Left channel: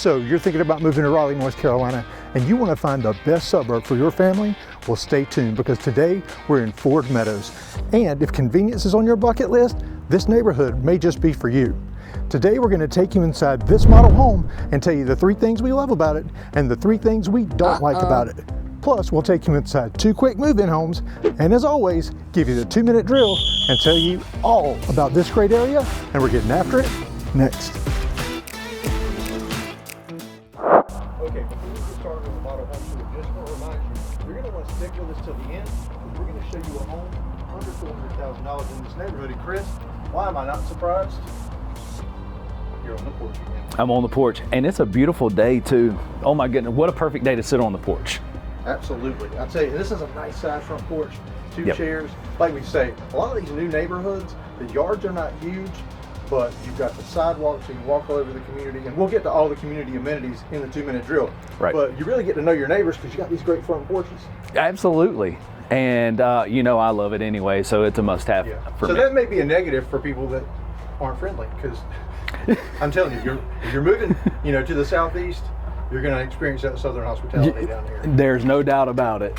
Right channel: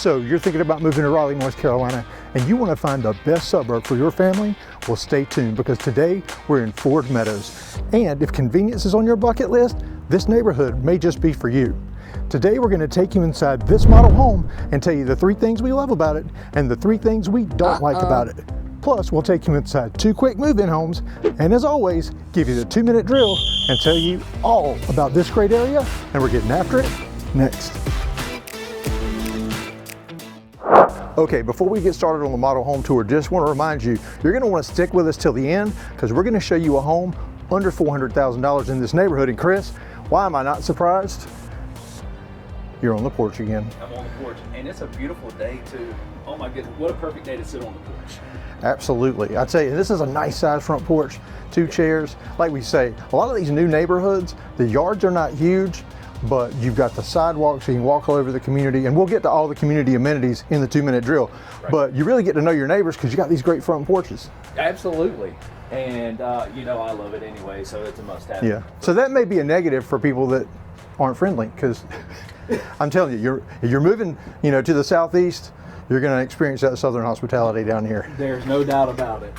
So you're thinking about moving to Raleigh, North Carolina, and you want to find the best suburb for your family? Well, stay tuned, because today we're in Meadows. And if convenience is on your bucket list, this neighborhood may just be for you. Today we're going to take you inside this model home and tell you the 3 things we love about it and the 3 things we don't like about it. Plus, we'll take you inside 2 quick move-in homes, and as always, give you the 2-minute drill and tell you all about this great area, and we're getting after it next. Okay, before we get started on the model home tour, just want to remind you, you're going to want to stick with us till the end, because we're going to show you a home under $400,000 in this neighborhood. And Chris, why am I not surprised? You're on the porch again. I'm on the porch, and it's a beautiful day too. Oh my goodness, what a perfect day to sit on the porch. Absolutely. I'd say this is a nice size front porch, 2 chairs. Like we say, a lot of these new neighborhoods, the yards are not huge, but you've got the sidewalks, so you can walk all over the community, and we'll get to all the community amenities in the 2-minute drill. Right. But you really get to know your neighbors because you got these great front porches. Absolutely. And you know I love it anyway, so it's a must-have. Yeah. So that may be a negative for people that aren't friendly, because I'm telling you, if you're moving, to the southeast, you're going to experience that southern hospitality down here. There's no doubt about it.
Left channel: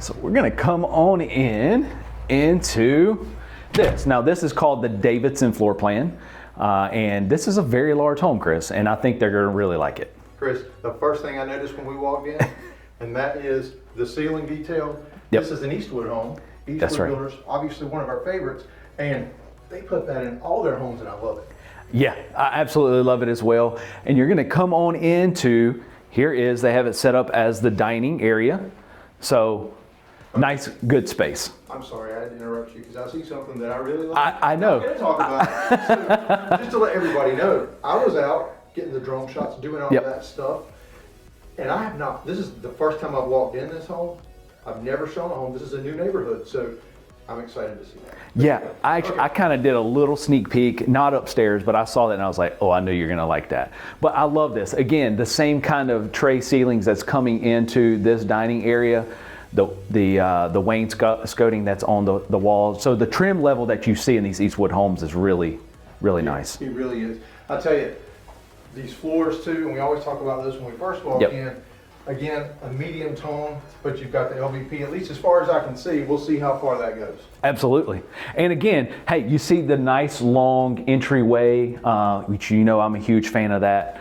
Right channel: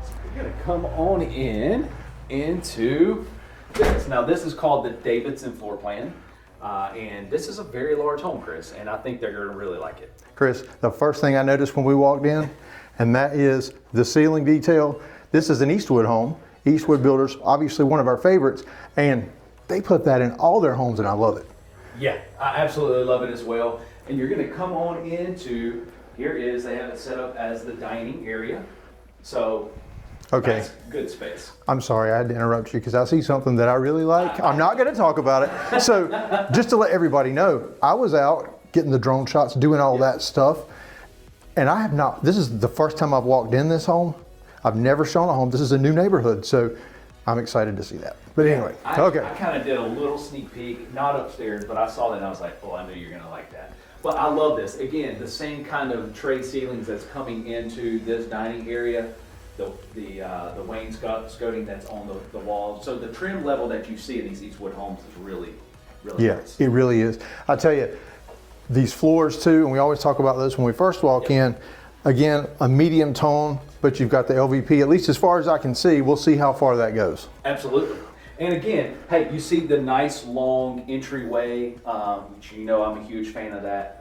So we're going to come on into this. Now this is called the Davidson floor plan, and this is a very large home, Chris, and I think they're going to really like it. Chris, the first thing I noticed when we walked in, and that is the ceiling detail. This is an Eastwood home. Eastwood Builders, obviously one of our favorites, and they put that in all their homes, and I love it. Yeah, I absolutely love it as well. And you're going to come on into, they have it set up as the dining area. So nice, good space. I'm sorry, I had to interrupt you because I see something that I really like. I'm not going to talk about it. So just to let everybody know, I was out getting the drone shots, doing all that stuff. And I have not, this is the first time I've walked in this home. I've never shown a home. This is a new neighborhood. So I'm excited to see that. But anyway, I kind of did a little sneak peek, not upstairs, but I saw that and I was like, oh, I knew you're going to like that. But I love this. Again, the same kind of tray ceilings that's coming into this dining area, the wainscoting that's on the walls. So the trim level that you see in these Eastwood homes is really, really nice. It really is. I tell you, these floors too, and we always talk about this when we first walk in. Again, a medium tone, but you've got the LVP, at least as far as I can see. We'll see how far that goes. Absolutely. And again, hey, you see the nice long entryway, which I'm a huge fan of that,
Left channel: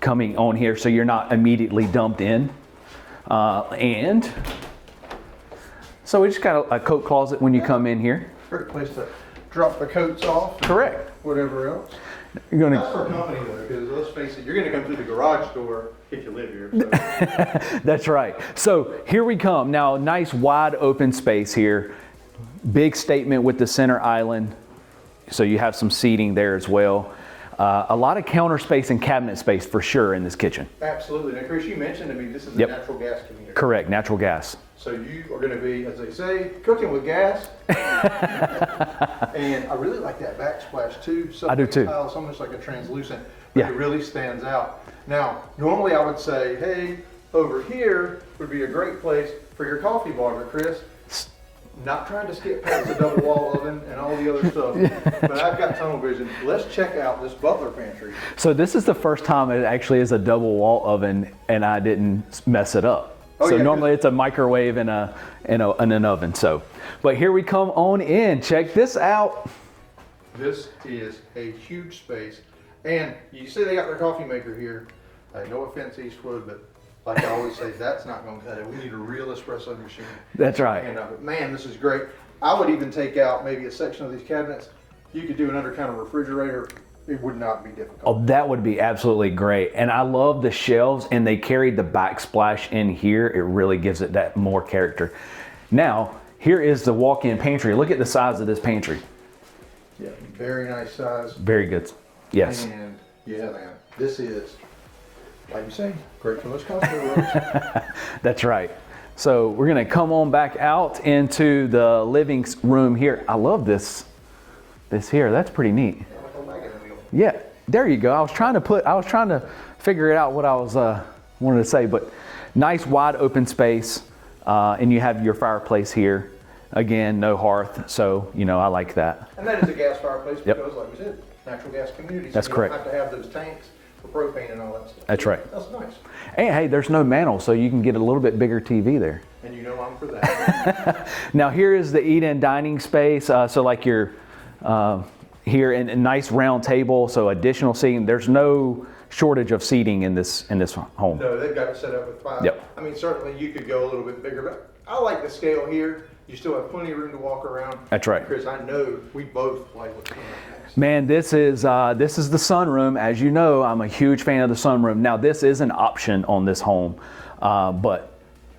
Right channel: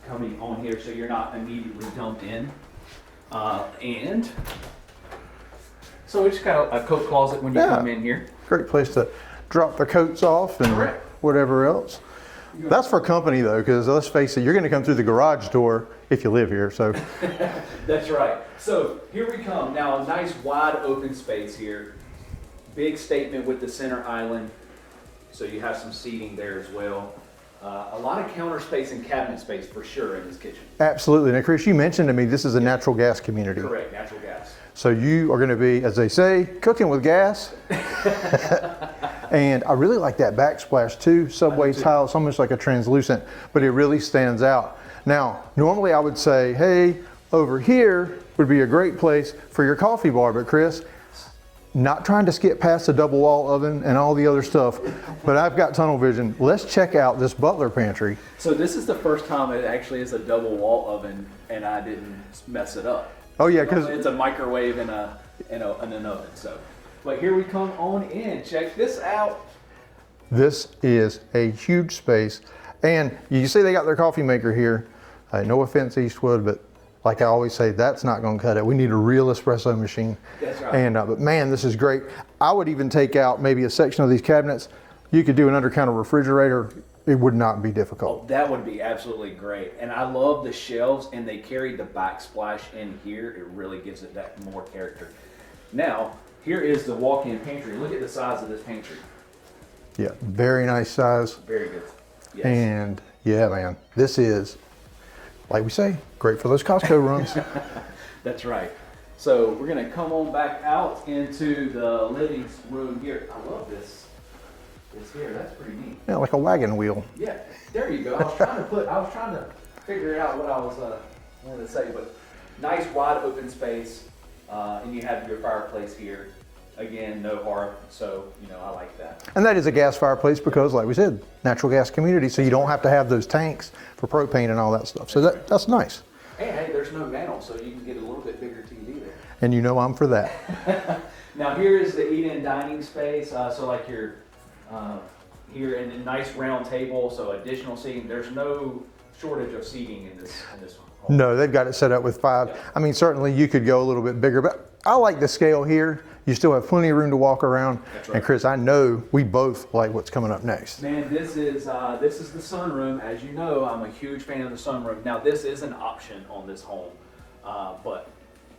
coming on here so you're not immediately dumped in. And so we just got a coat closet when you come in here. Great place to drop the coats off and whatever else. That's for company though, because let's face it, you're going to come through the garage door if you live here. So that's right. So here we come. Now, nice wide open space here. Big statement with the center island. So you have some seating there as well. A lot of counter space and cabinet space for sure in this kitchen. Absolutely. Now, Chris, you mentioned to me this is a natural gas community. Correct, natural gas. So you are going to be, as they say, cooking with gas. And I really like that backsplash too. Subway tile, it's almost like a translucent, but it really stands out. Now, normally I would say, hey, over here would be a great place for your coffee bar, but Chris, not trying to skip past the double wall oven and all the other stuff, but I've got tunnel vision. Let's check out this butler pantry. So this is the first time it actually is a double wall oven and I didn't mess it up. Oh, so normally it's a microwave and an oven. So, but here we come on in. Check this out. This is a huge space. And you see they got their coffee maker here. No offense, Eastwood, but like I always say, that's not going to cut it. We need a real espresso machine. That's right. And but man, this is great. I would even take out maybe a section of these cabinets. You could do an undercounter refrigerator. It would not be difficult. Oh, that would be absolutely great. And I love the shelves, and they carried the backsplash in here. It really gives it that more character. Now, here is the walk-in pantry. Look at the size of this pantry. Yeah, very nice size. Very good. Yes. And yeah, man, this is, like we say, great for those Costco runs. That's right. So we're gonna come on back out into the living room here. I love this here. That's pretty neat. Yeah, like a wagon wheel. Yeah, there you go. I was trying to figure it out what I was wanted to say, but nice wide open space, and you have your fireplace here. Again, no hearth, so I like that. And that is a gas fireplace because, like we said, natural gas community, so you don't have to have those tanks for propane and all that stuff. That's so right. That's nice. And hey, there's no mantle, so you can get a little bit bigger TV there. And you know I'm for that. Now here is the eat-in dining space. So like you're here in a nice round table, so additional seating. There's no shortage of seating in this home. No, they've got it set up with 5. Yep. I mean, certainly you could go a little bit bigger, but I like the scale here. You still have plenty of room to walk around. That's right. And Chris, I know we both like what's coming up next. Man, this is the sunroom. As you know, I'm a huge fan of the sunroom. Now, this is an option on this home, but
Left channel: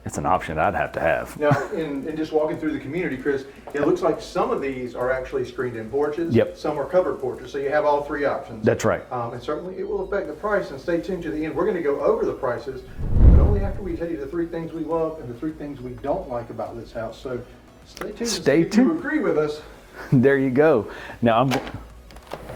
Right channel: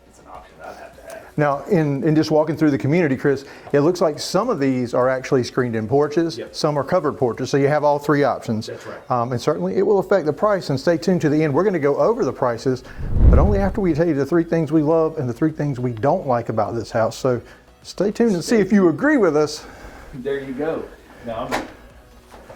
it's an option I'd have to have. Now, in just walking through the community, Chris, it looks like some of these are actually screened-in porches. Yep. Some are covered porches, so you have all 3 options. That's right. And certainly it will affect the price, and stay tuned to the end. We're going to go over the prices, but only after we tell you the 3 things we love and the 3 things we don't like about this house. So stay tuned and see if you agree with us. There you go. Now,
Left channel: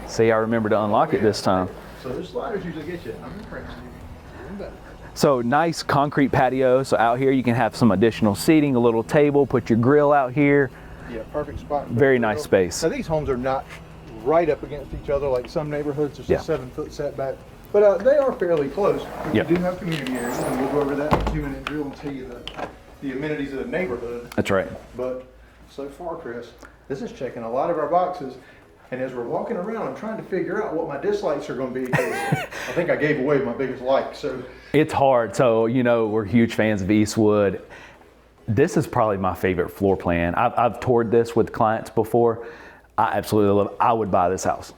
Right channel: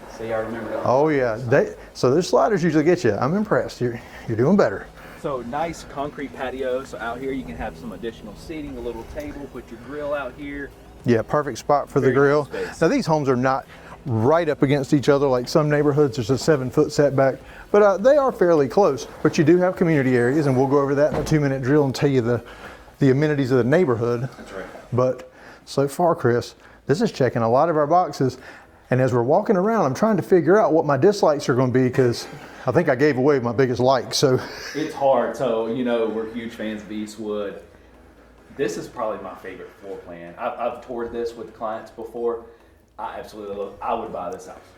see, I remember to unlock it this time. So those sliders usually get you. I'm impressed. You're doing better. So nice concrete patio. So out here you can have some additional seating, a little table, put your grill out here. Yeah, perfect spot for Very the grill. nice space. Now these homes are not right up against each other like some neighborhoods. There's a 7-foot setback, but they are fairly close. But you do have community areas, and we'll go over that in a 2-minute drill and tell you the amenities of the neighborhood. That's right. But so far, Chris, this is checking a lot of our boxes. And as we're walking around, I'm trying to figure out what my dislikes are going to be, because I think I gave away my biggest like. So it's hard. So, you know, we're huge fans of Eastwood. This is probably my favorite floor plan. I've toured this with clients before. I absolutely love it. I would buy this house.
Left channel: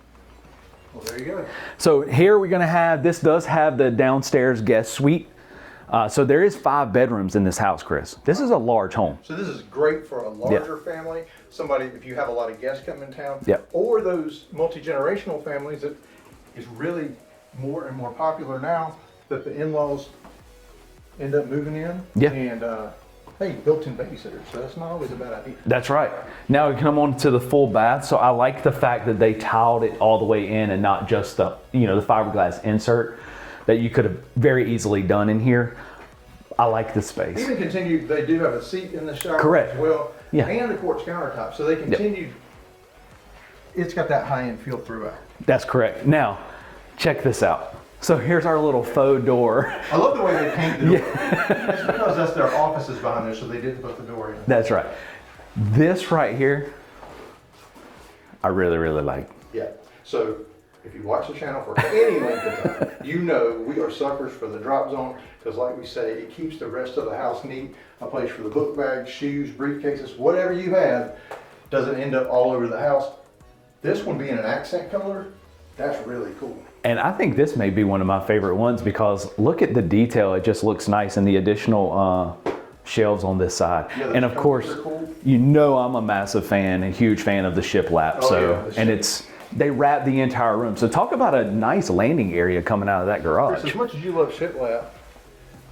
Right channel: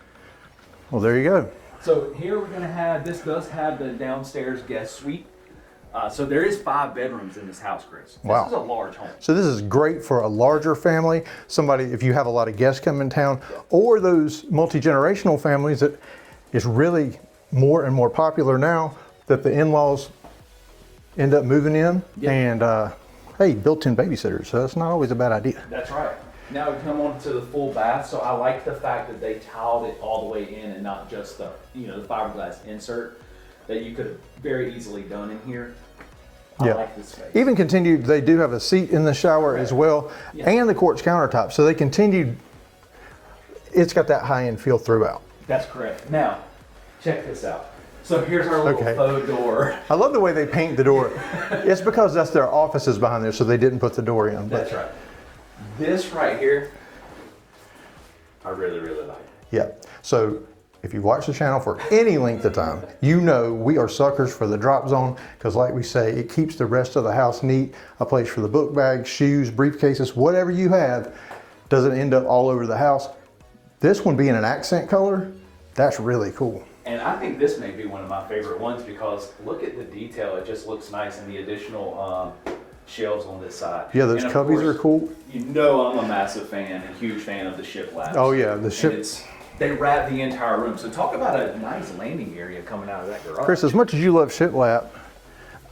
Well, there you go. So here we're going to have, this does have the downstairs guest suite. So there is 5 bedrooms in this house, Chris. This is a large home. So this is great for a larger family. Somebody, if you have a lot of guests come in town, Yep. or those multi-generational families that is really more and more popular now, that the in-laws end up moving in. Yep. And hey, built-in babysitters, so that's not always a bad idea. That's right. Now we come on to the full bath. So I like the fact that they tiled it all the way in and not just the, you know, the fiberglass insert that you could have very easily done in here. I like this space. Even continued, they do have a seat in the shower as well, and the quartz countertop. So they continued, it's got that high-end feel throughout. That's correct. Now, check this out. So here's our little faux door. I love the way they paint the door. It's because that's their offices behind there, so they didn't put the door in. That's right. This right here, I really, really like. Yeah. So if you watch the channel for any length of time, you know we are suckers for the drop zone, because like we say, it keeps the rest of the house neat. A place for the book bags, shoes, briefcases, whatever you have, doesn't end up all over the house. This one being an accent color, that's really cool. And I think this may be one of my favorite ones, because look at the detail. It just looks nice, and the additional shelves on this side. Yeah, those and of cubbies course, are cool. You know I'm a massive fan, a huge fan of the shiplap. Oh so, yeah, the and they wrap the entire room. So talk about a nice landing area coming out of that garage. Chris, as much as you love shiplap,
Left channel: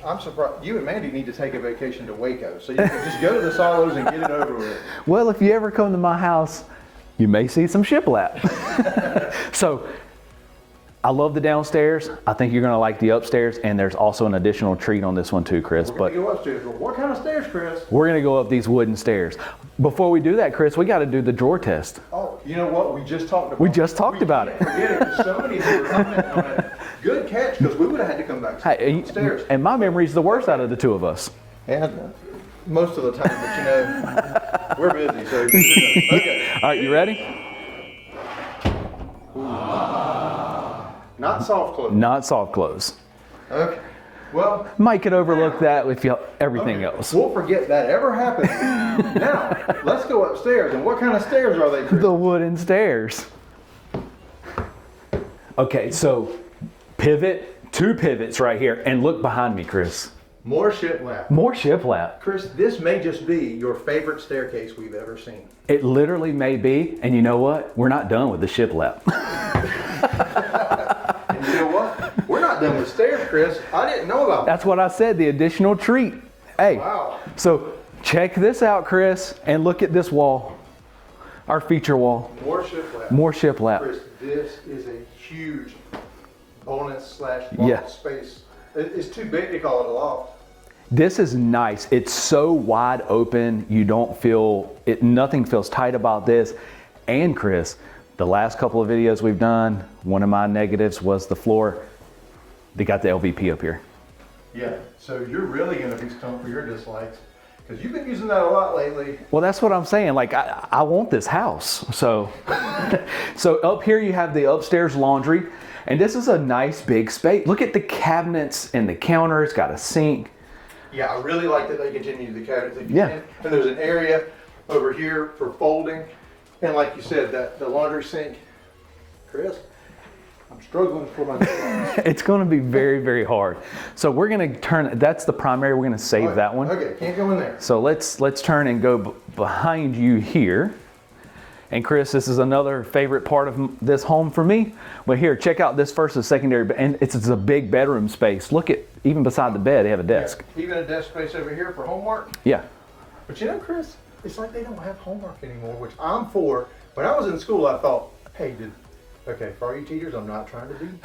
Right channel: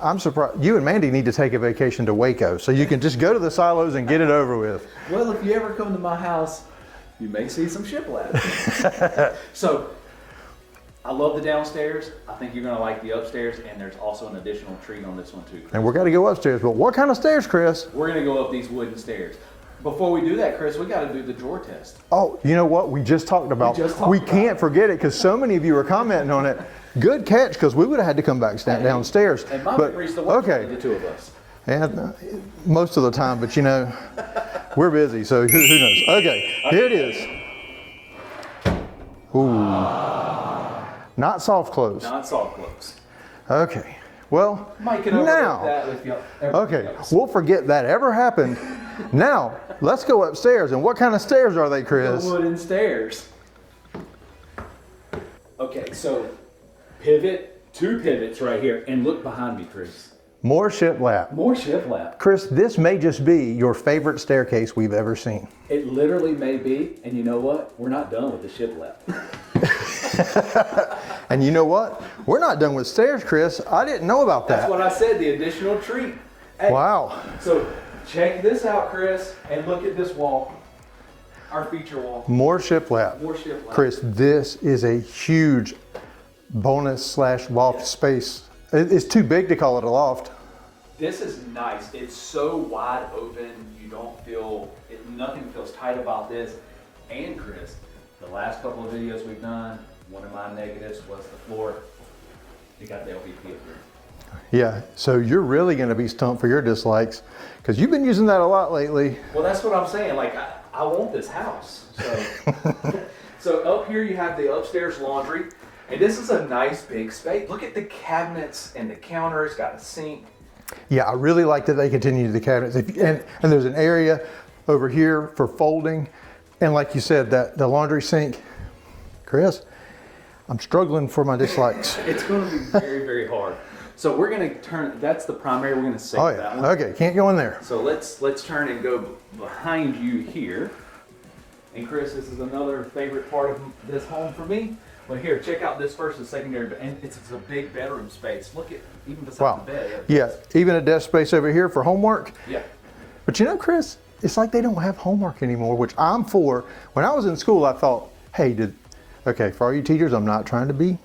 I'm surprised. You and Mandy need to take a vacation to Waco, so you can just go to the silos and get it over with. Well, if you ever come to my house, you may see some shiplap. So I love the downstairs. I think you're gonna like the upstairs, and there's also an additional treat on this one too, Chris. And we're gonna go upstairs, but what kind of stairs, Chris? We're gonna go up these wooden stairs. Before we do that, Chris, we gotta do the drawer test. Oh, you know what? We just talked about. We can't forget it, because so many of you are commenting on it. Good catch, because we would have had to come back downstairs. And my memory's the worst out of the two of us. And most of the time, but you know, we're busy, so who knows? Okay, are you ready? Ooh. Not soft close. Not soft close. Okay. Well, Mike could overlook that if you everything else. We'll forget that ever happened. Now, let's go upstairs. And what kind of stairs are they, Chris? The wooden stairs. Okay, so pivot, 2 pivots right here, and look behind me, Chris. More shiplap. More shiplap. Chris, this may just be your favorite staircase we've ever seen. It literally may be, and you know what? We're not done with the shiplap. And you know what? We're not done with stairs, Chris. I didn't know about that. That's what I said, the additional treat. Hey, wow. So check this out, Chris, and look at this wall. Our feature wall. More shiplap. More shiplap. Chris, this is a huge bonus / loft space. It's too big to call it a loft. This is nice. It's so wide open. You don't feel it. Nothing feels tight about this. And Chris, the last couple of videos we've done, one of my negatives was the floor. They got the LVP up here. Yeah, so you're really going to be stumped for your dislikes because you've been using that a lot lately. Well, that's what I'm saying. Like, I want this house. So, so up here you have the upstairs laundry, and this is a nice big space. Look at the cabinets and the counter. It's got a sink. Yeah, I really like that they continue the cabinets. And there's an area over here for folding. And like you said, that the laundry sink, Chris, I'm struggling for my dislikes. It's going to be very, very hard. So we're going to turn, that's the primary, we're going to save that one. Okay, can't go in there. So let's turn and go behind you here. And Chris, this is another favorite part of this home for me. But here, check out this first and secondary, and it's a big bedroom space. Look at, even beside the bed, they have a desk. Yeah, even a desk space over here for homework. Yeah. But you know, Chris, it's like they don't have homework anymore, which I'm for. When I was in school, I thought, hey, okay, for all you teachers, I'm not trying to be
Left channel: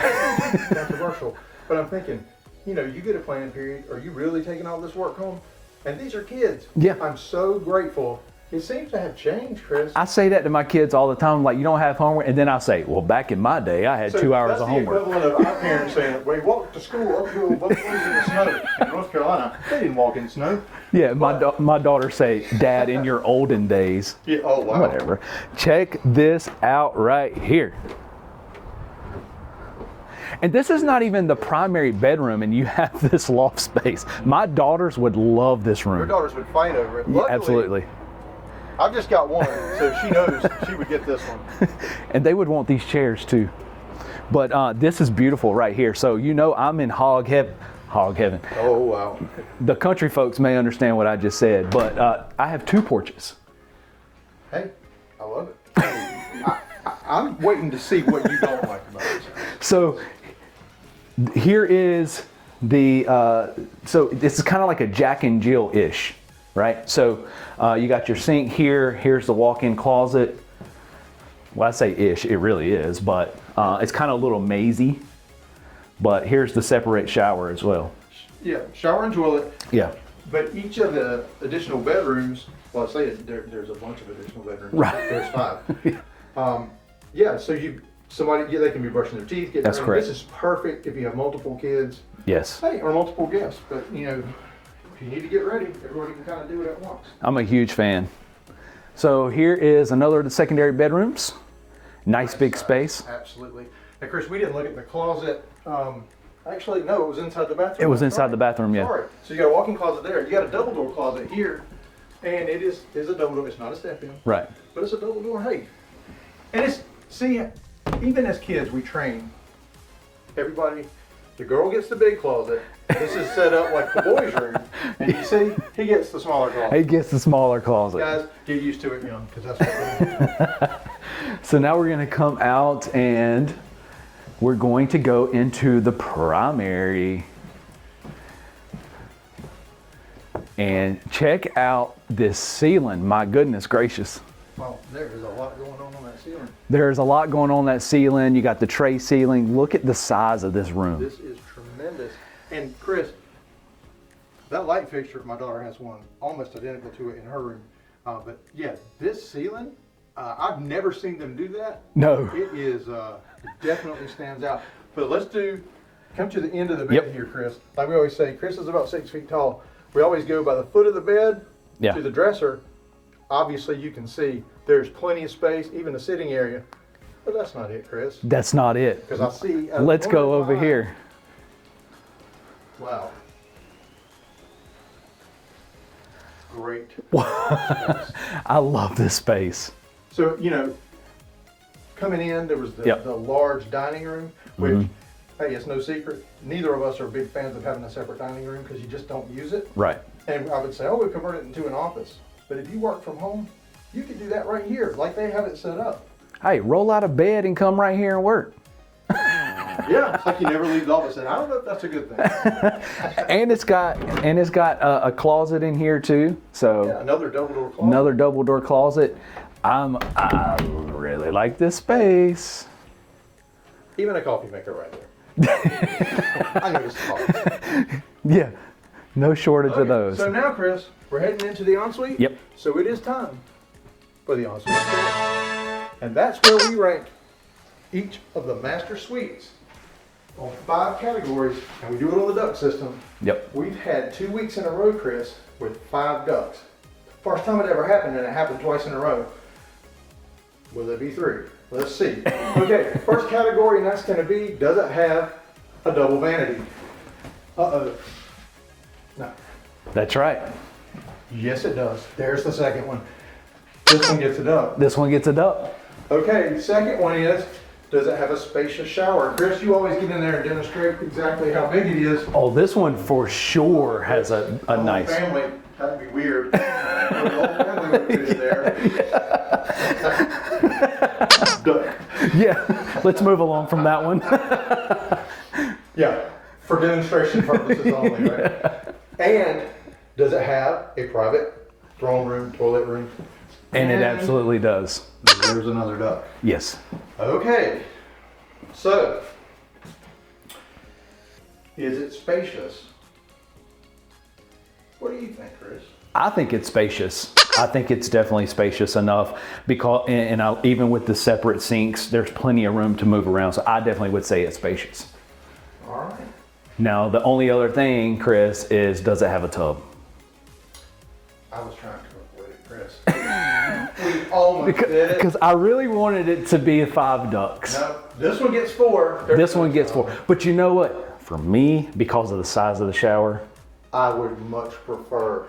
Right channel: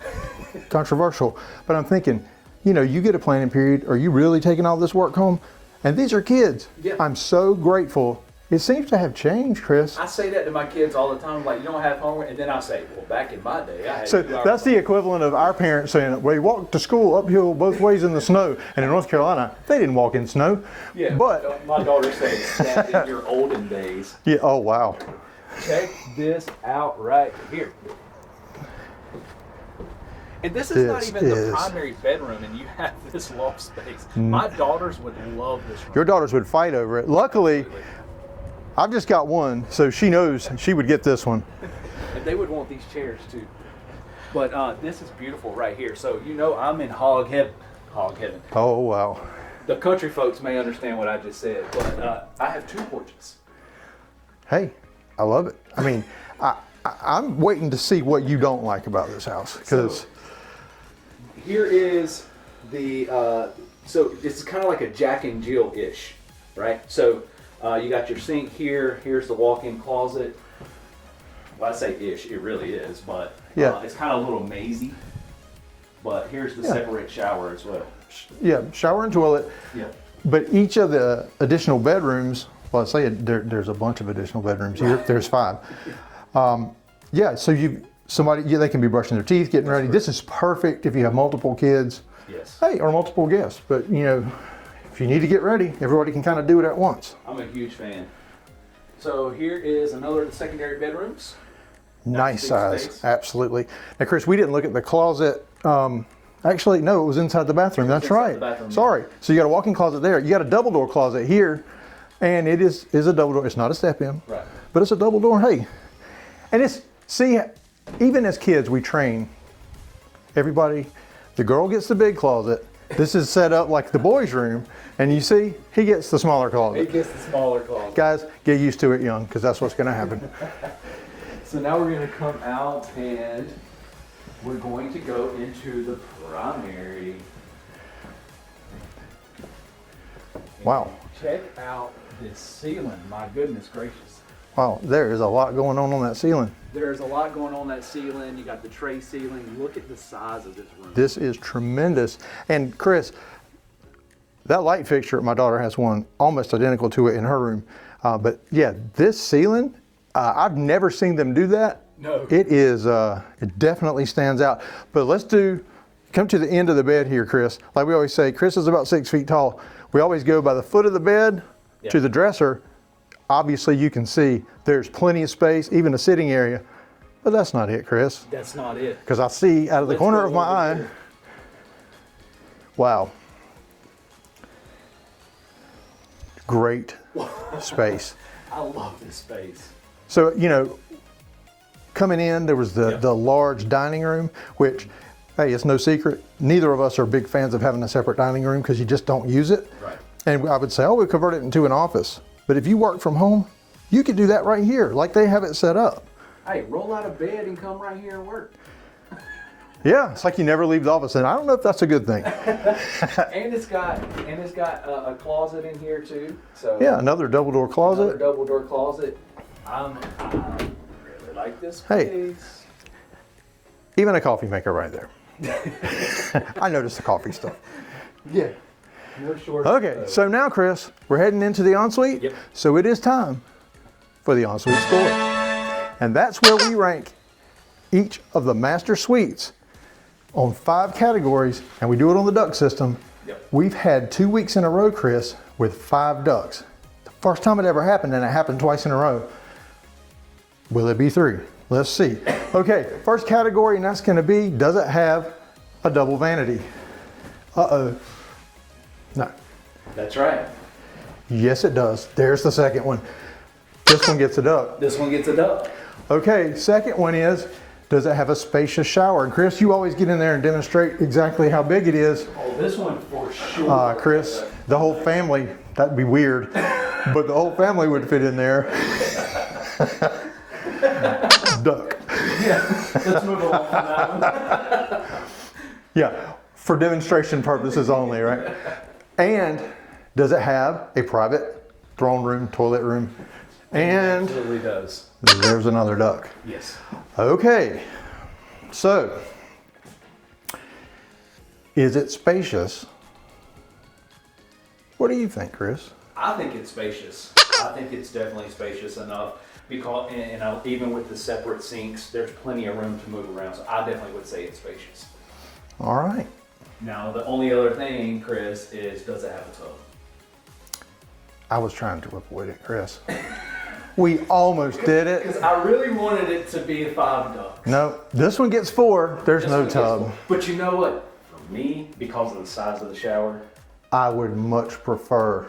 controversial, but I'm thinking, you know, you get a planning period. Are you really taking all this work home? And these are kids. Yeah. I'm so grateful. It seems to have changed, Chris. I say that to my kids all the time, like, you don't have homework, and then I say, well, back in my day, I had 2 hours of homework. That's the equivalent of our parents saying, we walked to school uphill both ways in the snow. And in North Carolina, they didn't walk in snow. Yeah, my daughter says, Dad, in your olden days. Yeah, oh, wow. Whatever. Check this out right here. And this is not even the primary bedroom, and you have this loft space. My daughters would love this room. Your daughters would fight over it. Luckily, absolutely. I've just got one, so she knows she would get this one. And they would want these chairs too. But this is beautiful right here. So you know I'm in hog heaven. Oh, wow. The country folks may understand what I just said, but I have 2 porches. Hey, I love it. I mean, I'm waiting to see what you don't like about this house. So here is the, so this is kind of like a Jack and Jill-ish, right? So you got your sink here, here's the walk-in closet. Well, I say ish, it really is, but it's kind of a little mazy. But here's the separate shower as well. Yeah, shower and toilet. Yeah. But each of the additional bedrooms, well, I say there's a bunch of additional bedrooms. Right. There's 5. Yeah, so they can be brushing their teeth, getting ready. Correct. This is perfect if you have multiple kids. Yes. Hey, or multiple guests. But you know, if you need to get ready, everybody can kind of do it at once. I'm a huge fan. So here is another of the secondary bedrooms. Nice big size. Space. Absolutely. Now, Chris, we didn't look at the closet. Actually, no, it was inside the bathroom. It was That's inside right. the bathroom, yeah. Sorry. So you got a walk-in closet there. You got a double door closet here, and it is a double door. It's not a step-in. Right. But it's a double door. Hey, and see, even as kids, we train everybody. The girl gets the big closet. This is set up like the boys' room, and you see, he gets the smaller closet. He gets the smaller closet. Guys, get used to it young, because that's what's going to happen. So now we're going to come out and we're going to go into the primary. And check out this ceiling. My goodness gracious. Wow, there is a lot going on that ceiling. There's a lot going on that ceiling. You got the tray ceiling. Look at the size of this room. This is tremendous. And Chris, that light fixture, my daughter has one almost identical to it in her room. But yeah, this ceiling, I've never seen them do that. No. It is, it definitely stands out. But let's come to the end of the bed here, Chris. Like we always say, Chris is about 6 feet tall. We always go by the foot of the bed to the dresser. Obviously, you can see there's plenty of space, even a sitting area. But that's not it, Chris. That's not it. Because I see out of the corner of my eye. Here. Wow. Great space. I love this space. So, you know, coming in, there was the large dining room, which, hey, it's no secret. Neither of us are big fans of having a separate dining room because you just don't use it. Right. And I would say, we'll convert it into an office. But if you work from home, you could do that right here, like they have it set up. Hey, roll out of bed and come right here and work. Yeah, it's like you never leave the office, and I don't know if that's a good thing. And it's got a closet in here too. So yeah, another double door closet. Another double door closet. I really like this space. Hey, even a coffee maker right there. I noticed the coffee stuff. Yeah. No shortage of those. So now, Chris, we're heading into the ensuite. Yep. So it is time for the ensuite score. And that's where we rank each of the master suites on 5 categories, and we do it on the duct system. Yep. We've had 2 weeks in a row, Chris, with 5 ducts. The first time it ever happened, and it happened twice in a row. Will it be 3? Let's see. Okay, first category, and that's gonna be, does it have a double vanity? Uh-oh. No. That's right. Yes, it does. There's the second one. This one gets a duct. This one gets a duct. Okay, second one is, does it have a spacious shower? Chris, you always get in there and demonstrate exactly how big it is. Oh, this one for sure Chris, has the whole nice... family, that'd be weird, but the whole family would fit in there. Duck. Yeah, let's move along from that one. Yeah, for demonstration purposes only, right? And does it have a private throne room, toilet room? And it absolutely does. There's another duck. Yes. Okay, so is it spacious? What do you think, Chris? I think it's spacious. I think it's definitely spacious enough because, even with the separate sinks, there's plenty of room to move around. So I definitely would say it's spacious. All right. Now, the only other thing, Chris, is does it have a tub? I was trying to avoid it, Chris. We almost did it. Because I really wanted it to be 5 ducks. No, this one gets 4. There's This no one gets tub. 4. But you know what? For me, because of the size of the shower, I would much prefer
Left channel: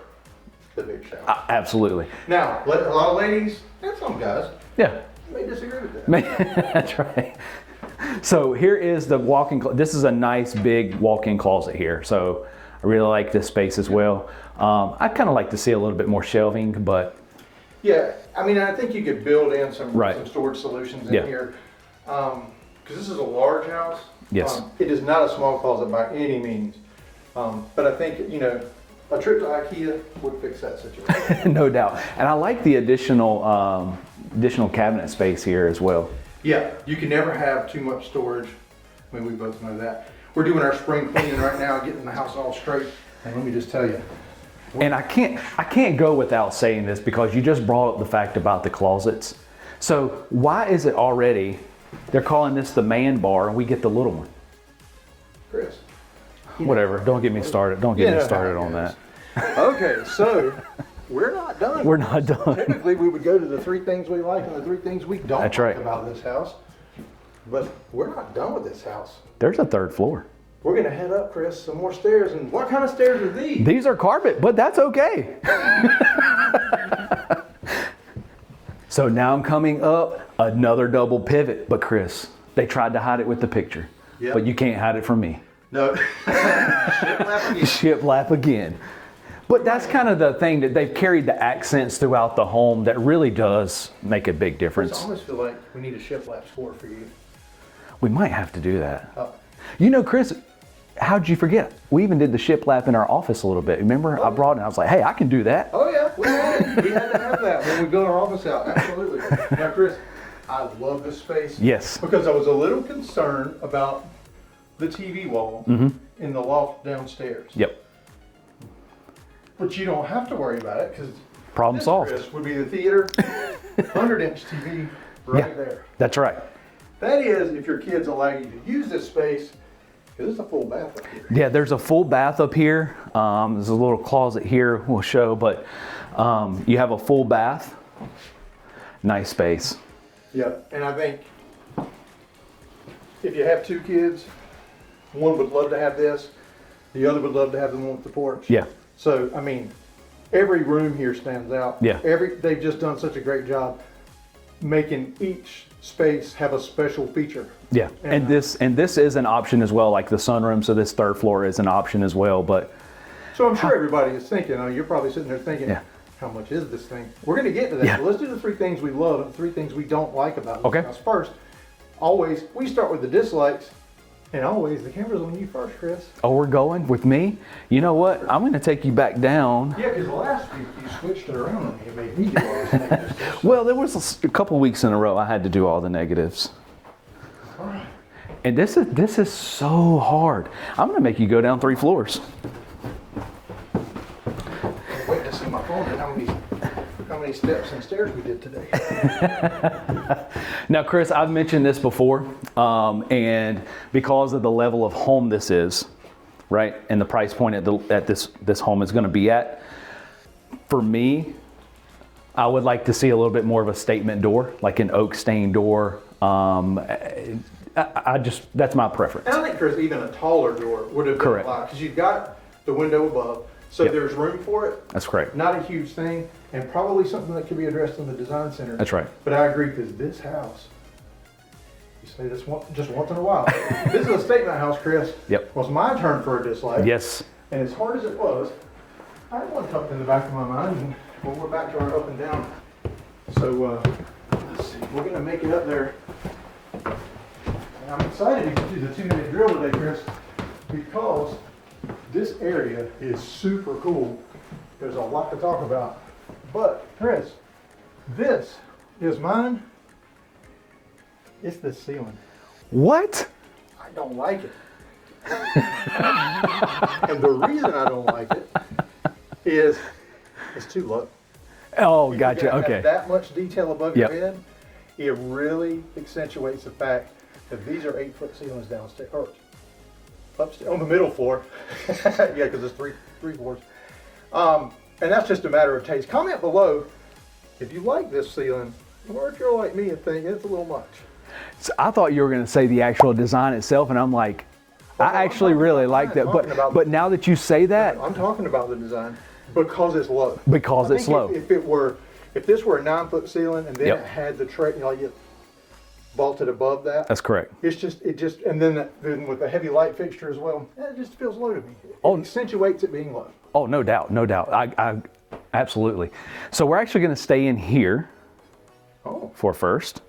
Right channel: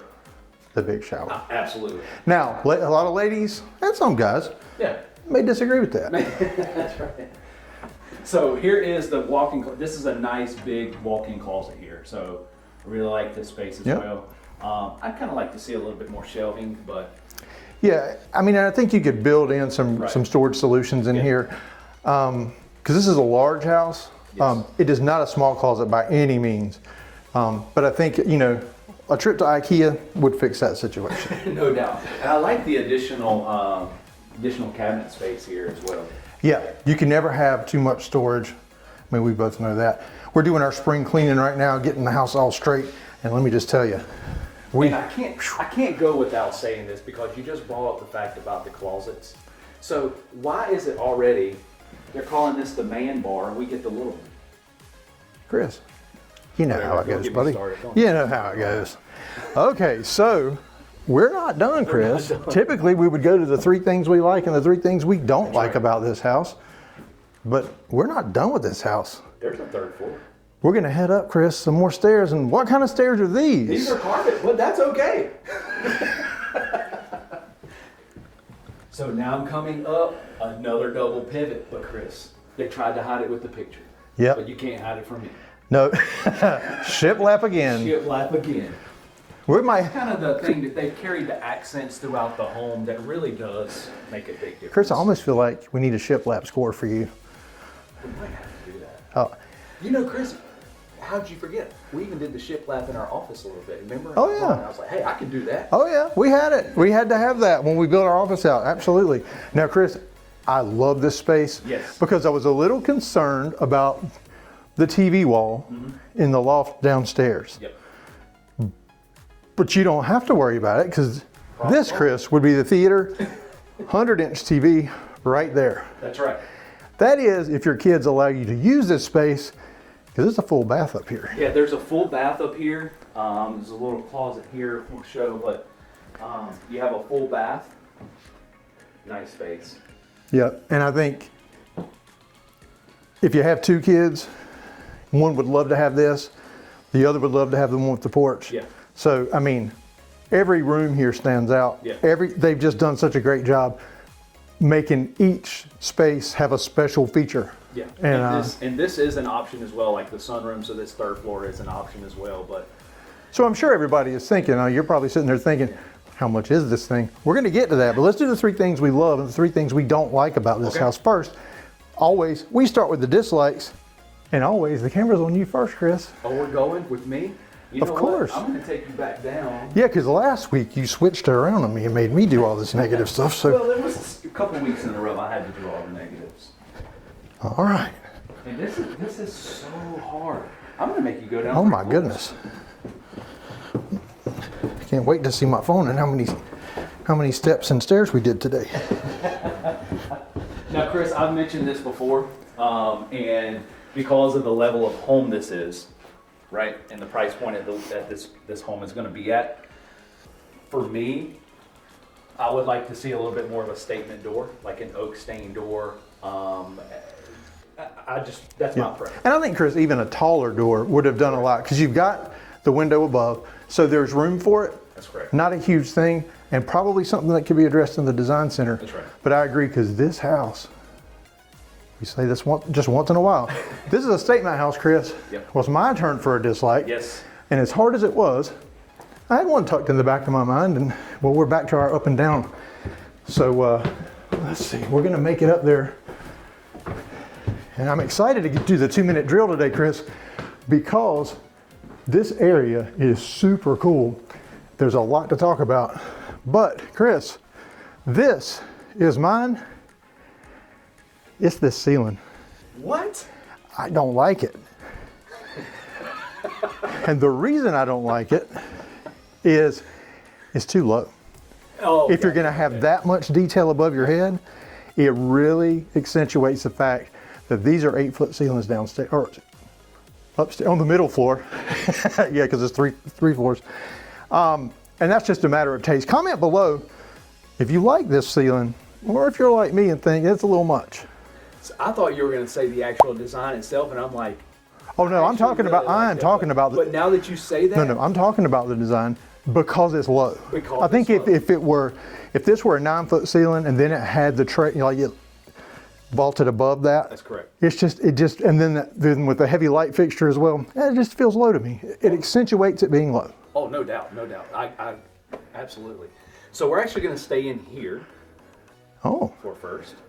the big shower. absolutely. Now, a lot of ladies and some guys Yeah. may disagree with that. That's right. So here is the walk-in closet. This is a nice big walk-in closet here. So I really like this space as well. I'd kind of like to see a little bit more shelving, but Yeah, I mean, I think you could build in some Right. some storage solutions in here. Because this is a large house. Yes. It is not a small closet by any means. But I think, you know, a trip to IKEA would fix that situation. no doubt. And I like the additional cabinet space here as well. Yeah, you can never have too much storage. I mean, we both know that. We're doing our spring cleaning right now, getting the house all straight. And let me just tell you, And I can't go without saying this because you just brought up the fact about the closets. So why is it already, they're calling this the man bar and we get the little one? Chris, you know Whatever, how it don't goes, get me buddy. started. Don't You get me know started how it on goes. that. Okay, so we're not done, We're Chris. not done. Typically, we would go to the 3 things we like and the 3 things we don't That's like right. about this house. But we're not done with this house. There's a 3rd floor. We're gonna head up, Chris, some more stairs. And what kind of stairs are these? These are carpet, but that's okay. So now I'm coming up, another double pivot. But Chris, they tried to hide it with the picture. Yep. But you can't hide it from me. No. Shiplap again. Shiplap again. We're That's gonna- kind of the thing that they've carried the accents throughout the home that really does make a big difference. Chris, I almost feel like we need a shiplap score for you. We might have to do that. Oh. You know, Chris, how'd you forget? We even did the shiplap in our office a little bit. Remember? Oh, I brought yeah. it. I was like, hey, I can do that. Oh yeah, we had it. We had to have that when we built our office out. Absolutely. Now, Chris, I love this space. Yes. Because I was a little concerned about the TV wall in the loft downstairs. Yep. But you don't have to worry about it because Problem this, solved. Chris, would be the theater, 100-inch TV right there. That's right. That is if your kids allow you to use this space, because it's a full bath up here. Yeah, there's a full bath up here. There's a little closet here we'll show, but you have a full bath. Nice space. Yeah, and I think if you have 2 kids, one would love to have this, the other would love to have the one with the porch. Yeah. So, I mean, every room here stands out. Yeah. They've just done such a great job making each space have a special feature. Yeah, and this is an option as well, like the sunroom. So this 3rd floor is an option as well. But So I'm sure everybody is thinking, you're probably sitting there thinking, how much is this thing? We're going to get to that, but let's do the 3 things we love and the 3 things we don't like about this house first. Always, we start with the dislikes, and always the camera's on you first, Chris. oh, we're going with me. You know what? course. I'm going to take you back down. Yeah, because last week you switched it around on me and made me do all this negative stuff. So. Well, there was a couple weeks in a row I had to do all the negatives. All right. And this is so hard. I'm going to make you go down 3 my floors. goodness. Can't wait to see my phone and how many how many steps and stairs we did today. Now, Chris, I've mentioned this before, and because of the level of home this is, right, and the price point at this home is going to be at, for me, I would like to see a little bit more of a statement door, like an oak stained door. That's my preference. And I think, Chris, even a taller door would have done a lot, because you've got the window above, so there's room for it. That's correct. Not a huge thing, and probably something that could be addressed in the design center. That's right. But I agree, because this house, you say this just once in a while. This is a statement house, Chris. Yep. It was my turn for a dislike. Yes. And as hard as it was, I had one tucked in the back of my mind, and well, we're back to our up and down. So let's see, we're gonna make it up there. And I'm excited to do the 2-minute drill today, Chris, because this area is super cool. There's a lot to talk about. But Chris, this is mine. It's this ceiling. What? I don't like it. And the reason I don't like it is it's too low. Oh, if you're going to have that much detail above your head, it really accentuates the fact that these are 8-foot ceilings downstairs, or upstairs on the middle floor. Yeah, because it's three floors. And that's just a matter of taste. Comment below if you like this ceiling, or if you're like me and think it's a little much. So I thought you were going to say the actual design itself, and I'm like, I actually really like that. But now that you say that, no, I'm talking about the design because it's low. Because it's low. If this were a 9-foot ceiling and then it had the tray, like it vaulted above that. That's correct. And then with the heavy light fixture as well, it just feels low to me. It accentuates it being low. Oh, no doubt, no doubt. I absolutely. So we're actually going to stay in here. For first,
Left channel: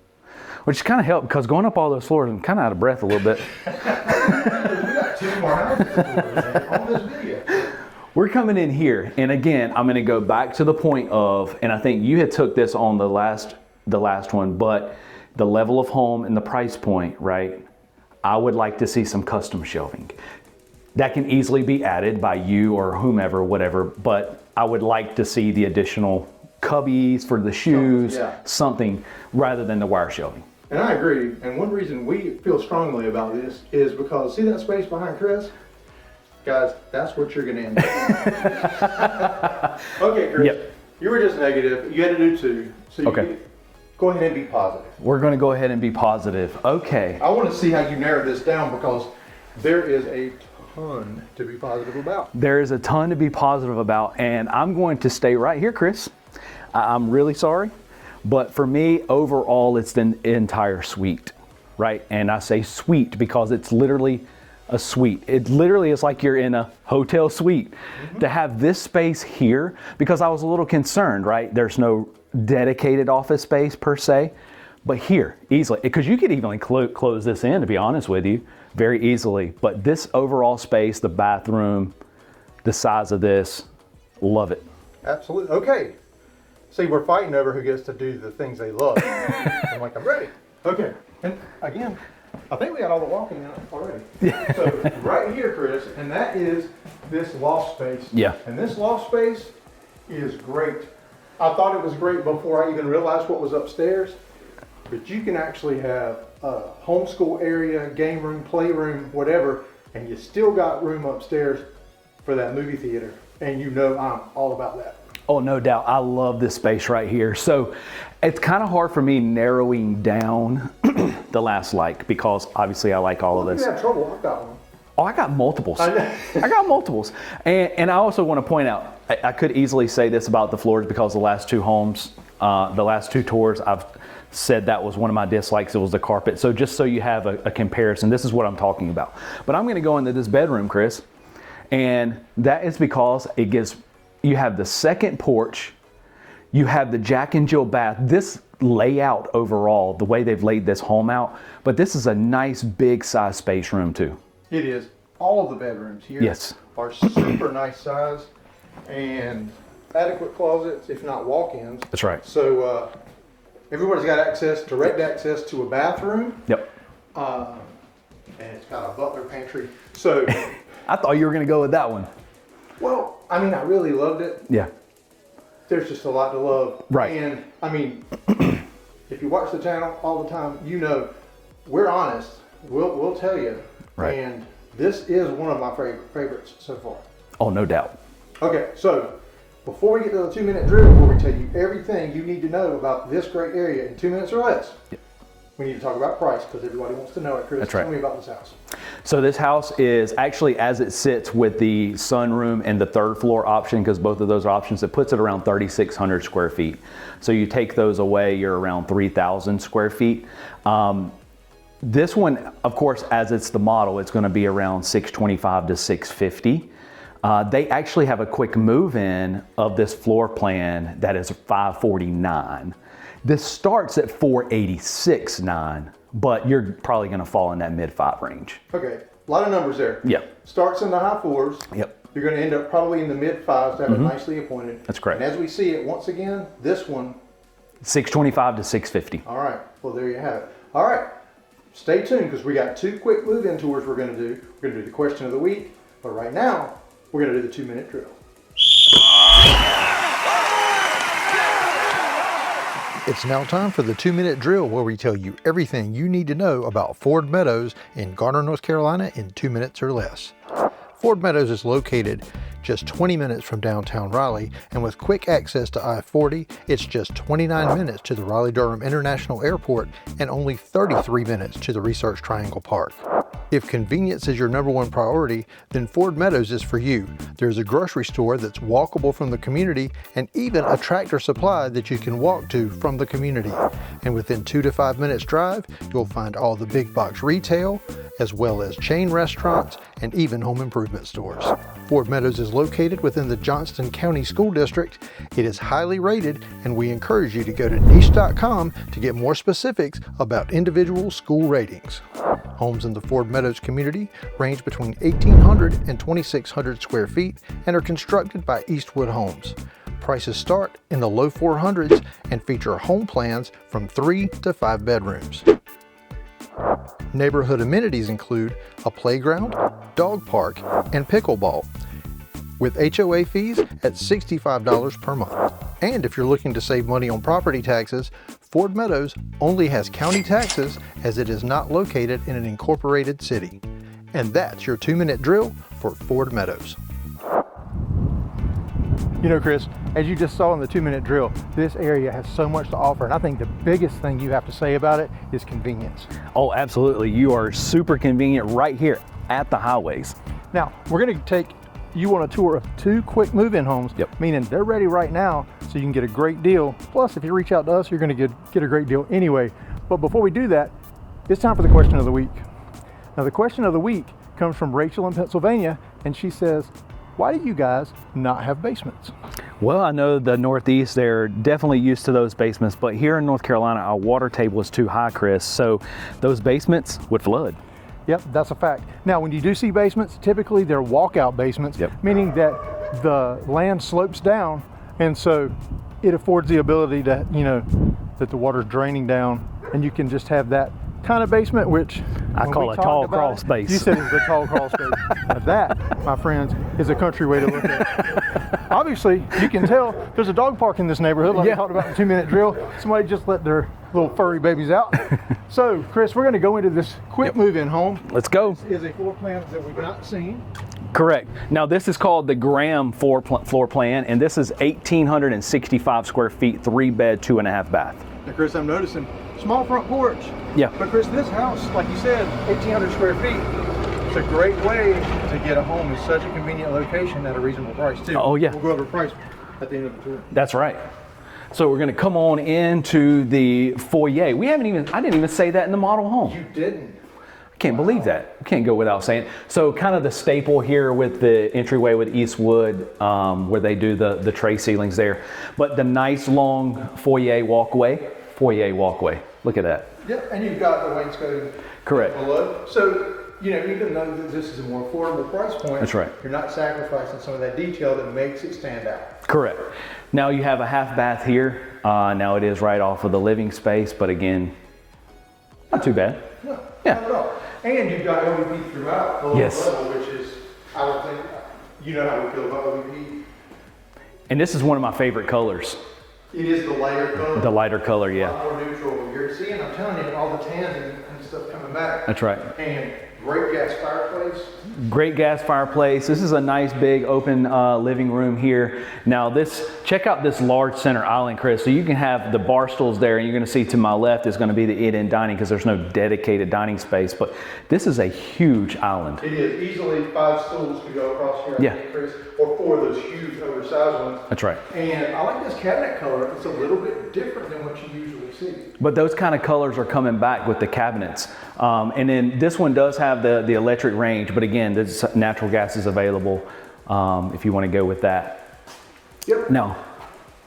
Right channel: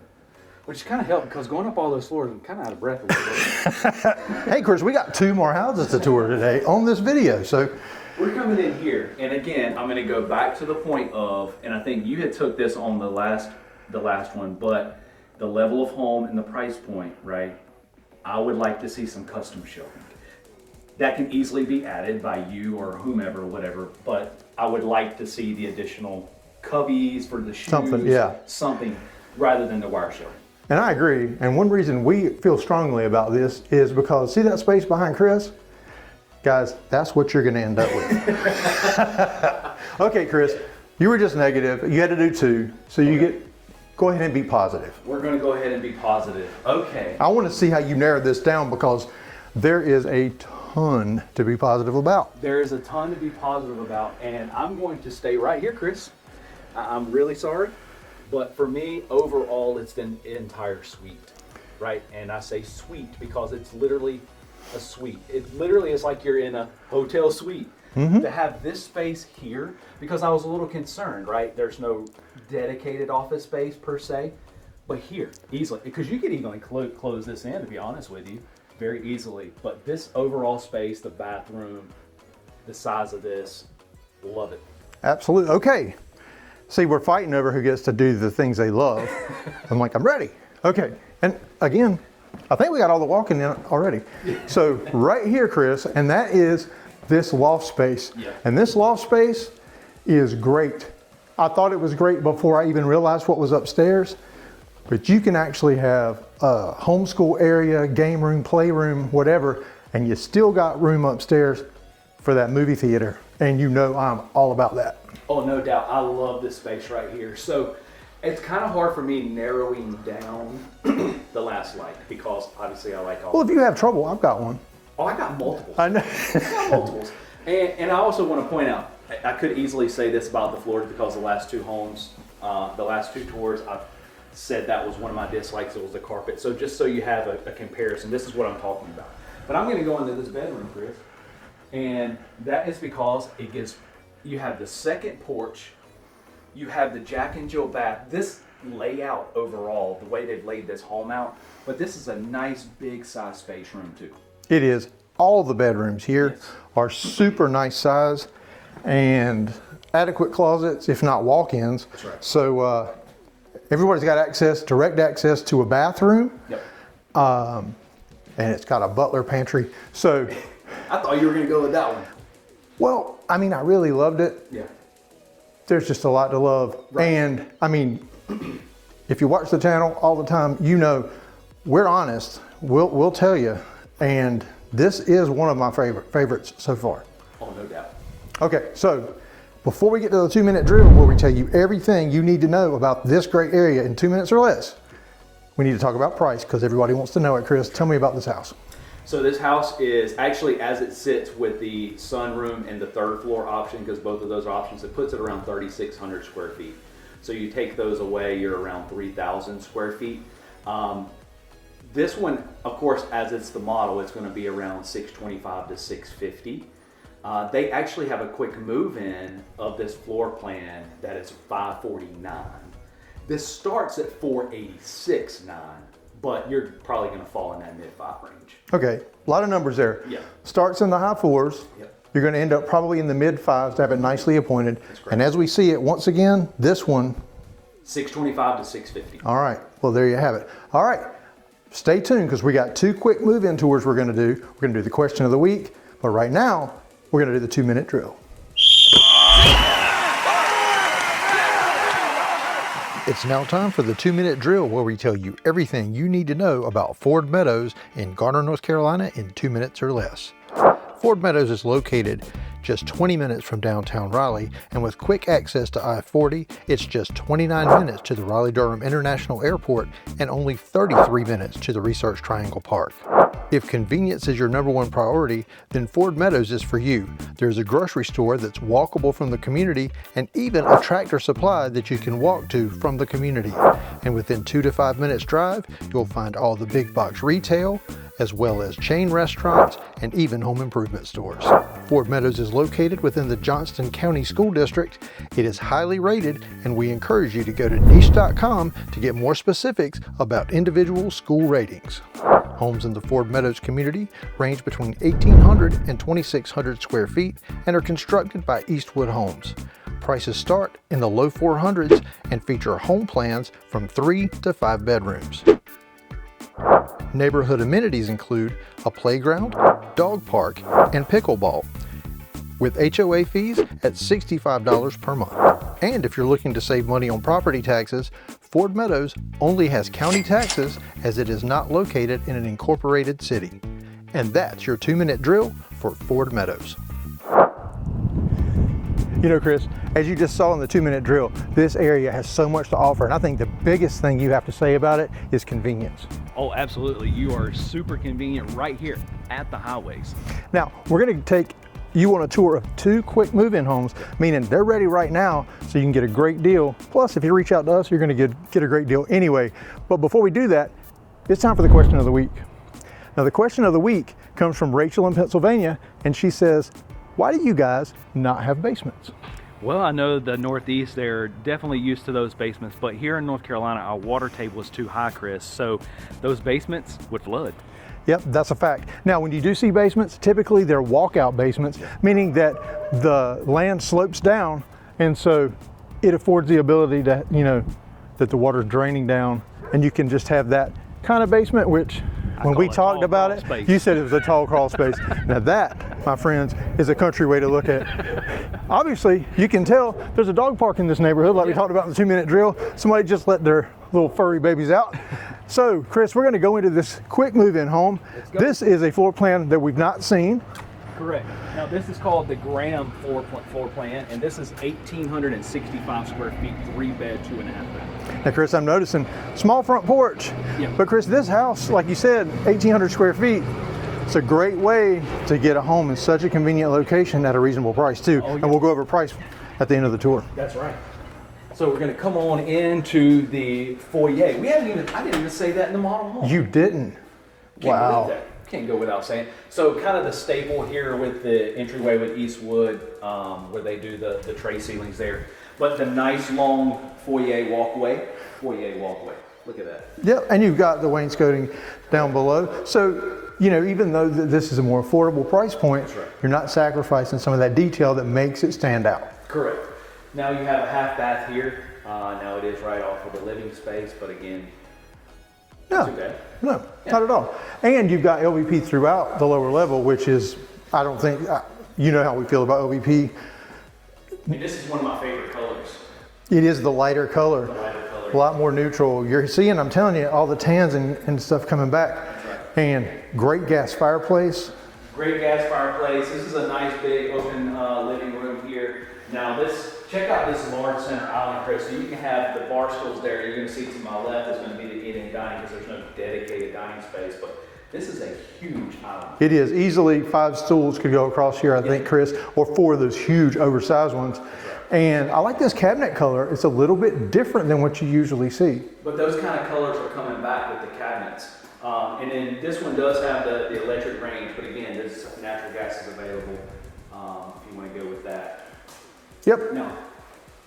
which kind of helped because going up all those floors, I'm kind of out of breath a little bit. Hey, Chris, we got 2 more houses to tour today on this video. So we're coming in here, and again, I'm going to go back to the point of, and I think you had took this on the last one, but the level of home and the price point, right? I would like to see some custom shelving. That can easily be added by you or whomever, whatever, but I would like to see the additional cubbies for the shoes, something rather than the wire shelving. And I agree. And one reason we feel strongly about this is because, see that space behind Chris? Guys, that's what you're going to end up with. Okay, Chris, you were just negative. You had to do 2. So go ahead and be positive. We're going to go ahead and be positive. Okay. I want to see how you narrowed this down because there is a ton to be positive about. There is a ton to be positive about, and I'm going to stay right here, Chris. I'm really sorry, but for me, overall, it's the entire suite, right? And I say suite because it's literally a suite. It literally is like you're in a hotel suite. To have this space here, because I was a little concerned, right? There's no dedicated office space per se, but here, easily, because you could even close this in, to be honest with you, very easily. But this overall space, the bathroom, the size of this, love it. Absolutely. Okay. See, we're fighting over who gets to do the things they love. I'm like, I'm ready. Okay. And again, I think we got all the walking in already. So right here, Chris, and that is this loft space. Yeah. And this loft space is great. I thought it was great before I even realized what was upstairs. But you can actually have a homeschool area, game room, playroom, whatever, and you still got room upstairs for that movie theater. And you know I'm all about that. Oh, no doubt. I love this space right here. So it's kind of hard for me narrowing down the last like, because obviously I like all of this. Well, if you have trouble, I've got one. Oh, I got multiples. I got multiples. And I also want to point out, I could easily say this about the floors because the last 2 homes, the last 2 tours, I've said that was one of my dislikes. It was the carpet. So just so you have a comparison, this is what I'm talking about. But I'm going to go into this bedroom, Chris, and that is because it gives, you have the second porch, you have the Jack and Jill bath. This layout overall, the way they've laid this home out, but this is a nice big size space room too. It is. All the bedrooms here are super nice size and adequate closets, if not walk-ins. That's right. So everybody's got direct access to a bathroom. Yep. And it's got a butler pantry. So I thought you were going to go with that one. Well, I mean, I really loved it. Yeah. there's just a lot to love. Right. And I mean, if you watch the channel all the time, you know, we're honest. We'll tell you. Right. And this is one of my favorites so far. Oh, no doubt. Okay, so before we get to the 2-minute drill, where we tell you everything you need to know about this great area in 2 minutes or less, we need to talk about price because everybody wants to know it. Chris, tell me about this house. So this house is actually, as it sits with the sunroom and the 3rd floor option, because both of those are options, it puts it around 3,600 square feet. So you take those away, you're around 3,000 square feet. This one, of course, as it's the model, it's going to be around 625 to 650. They actually have a quick move-in of this floor plan that is 549. This starts at 486.9, but you're probably going to fall in that mid-5 range. Okay, a lot of numbers there. Yep. Starts in the high 4s. Yep. You're going to end up probably in the mid-5s to have it nicely appointed. That's correct. And as we see it, once again, this one. 625 to 650. All right, well, there you have it. All right, stay tuned because we got 2 quick move-in tours we're going to do. We're going to do the question of the week, but right now, we're going to do the 2-minute drill. It's now time for the 2-minute drill where we tell you everything you need to know about Ford Meadows in Garner, North Carolina in 2 minutes or less. Ford Meadows is located just 20 minutes from downtown Raleigh, and with quick access to I-40, it's just 29 minutes to the Raleigh-Durham International Airport and only 33 minutes to the Research Triangle Park. If convenience is your #1 priority, then Ford Meadows is for you. There's a grocery store that's walkable from the community and even a Tractor Supply that you can walk to from the community. And within 2 to 5 minutes drive, you'll find all the big box retail, as well as chain restaurants and even home improvement stores. Ford Meadows is located within the Johnston County School District. It is highly rated, and we encourage you to go to niche.com to get more specifics about individual school ratings. Homes in the Ford Meadows community range between 1,800 and 2,600 square feet and are constructed by Eastwood Homes. Prices start in the low 400s and feature home plans from 3 to 5 bedrooms. Neighborhood amenities include a playground, dog park, and pickleball, with HOA fees at $65 per month. And if you're looking to save money on property taxes, Ford Meadows only has county taxes as it is not located in an incorporated city. And that's your 2-minute drill for Ford Meadows. You know, Chris, as you just saw in the 2-minute drill, this area has so much to offer, and I think the biggest thing you have to say about it is convenience. Oh, absolutely. You are super convenient right here at the highways. Now, we're going to take you on a tour of 2 quick move-in homes, meaning they're ready right now, so you can get a great deal. Plus, if you reach out to us, you're going to get a great deal anyway. But before we do that, it's time for the question of the week. Now, the question of the week comes from Rachel in Pennsylvania, and she says, why do you guys not have basements? Well, I know the Northeast, they're definitely used to those basements, but here in North Carolina, our water table is too high, Chris, so those basements would flood. Yep, that's a fact. Now, when you do see basements, typically they're walkout basements, meaning that the land slopes down, and so it affords the ability to, you know, that the water's draining down, and you can just have that kind of basement, which when we talked about it, space. you said it was a tall crawl space. Now that, my friends, is a country way to look at it. Obviously, you can tell there's a dog park in this neighborhood, like we talked about in the 2-minute drill. Somebody just let their little furry babies out. So, Chris, we're going to go into this quick move-in home. Let's go. This is a floor plan that we've not seen. Correct. Now this is called the Graham floor plan, and this is 1,865 square feet, 3-bed, 2.5 bath. Now, Chris, I'm noticing small front porch. Yeah. But Chris, this house, like you said, 1,800 square feet. It's a great way to get a home in such a convenient location at a reasonable price too. Oh yeah. And we'll go over price at the end of the tour. That's right. So we're going to come on into the foyer. I didn't even say that in the model home. You didn't. Can't believe that. Can't go without saying. So kind of the staple here with the entryway with Eastwood, where they do the tray ceilings there. But the nice long foyer walkway. Look at that. Yeah, and you've got the wainscoting down below. So, you know, even though this is a more affordable price point, that's right, you're not sacrificing some of that detail that makes it stand out. Correct. Now you have a half bath here. Now it is right off of the living space, but again, not too bad. No, not at all. And you've got LVP throughout the lower level, which is, I don't think, you know how we feel about LVP. And this is one of my favorite colors. It is the lighter color. The lighter color, A yeah. lot more neutral. You're seeing, I'm telling you, all the tans and stuff coming back. That's right. And great gas fireplace. Great gas fireplace. This is a nice big open living room here. Now check out this large center island, Chris. So you can have the bar stools there, and you're gonna see to my left is gonna be the eat-in dining because there's no dedicated dining space, but this is a huge island. It is. Easily 5 stools could go across here, I think, Chris, or 4 of those huge oversized ones. That's right. And I like this cabinet color. It's a little bit different than what you usually see. But those kind of colors are coming back with the cabinets. And then this one does have the electric range, but again, there's natural gas is available if you want to go with that. Yep. Now,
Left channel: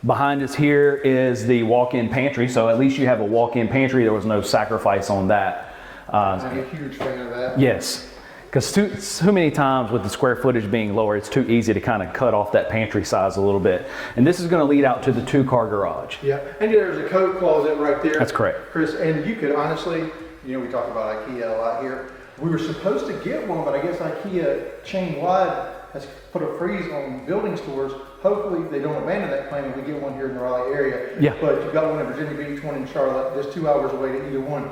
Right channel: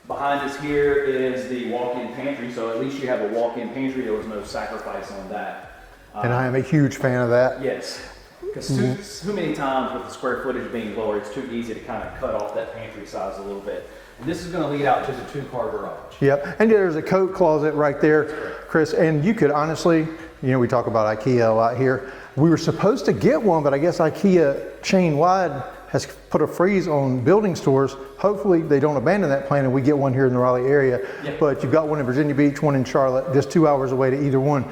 behind us here is the walk-in pantry, so at least you have a walk-in pantry. There was no sacrifice on that. And I am a huge fan of that. Yes, because so many times with the square footage being lower, it's too easy to kind of cut off that pantry size a little bit. And this is going to lead out to the 2-car garage. Yep. And there's a coat closet right there. That's correct, Chris. And you could honestly, you know, we talk about IKEA a lot here. We were supposed to get one, but I guess IKEA chain-wide has put a freeze on building stores. Hopefully they don't abandon that plan and we get one here in the Raleigh area. Yeah. But you've got one in Virginia Beach, one in Charlotte, just 2 hours away to either one.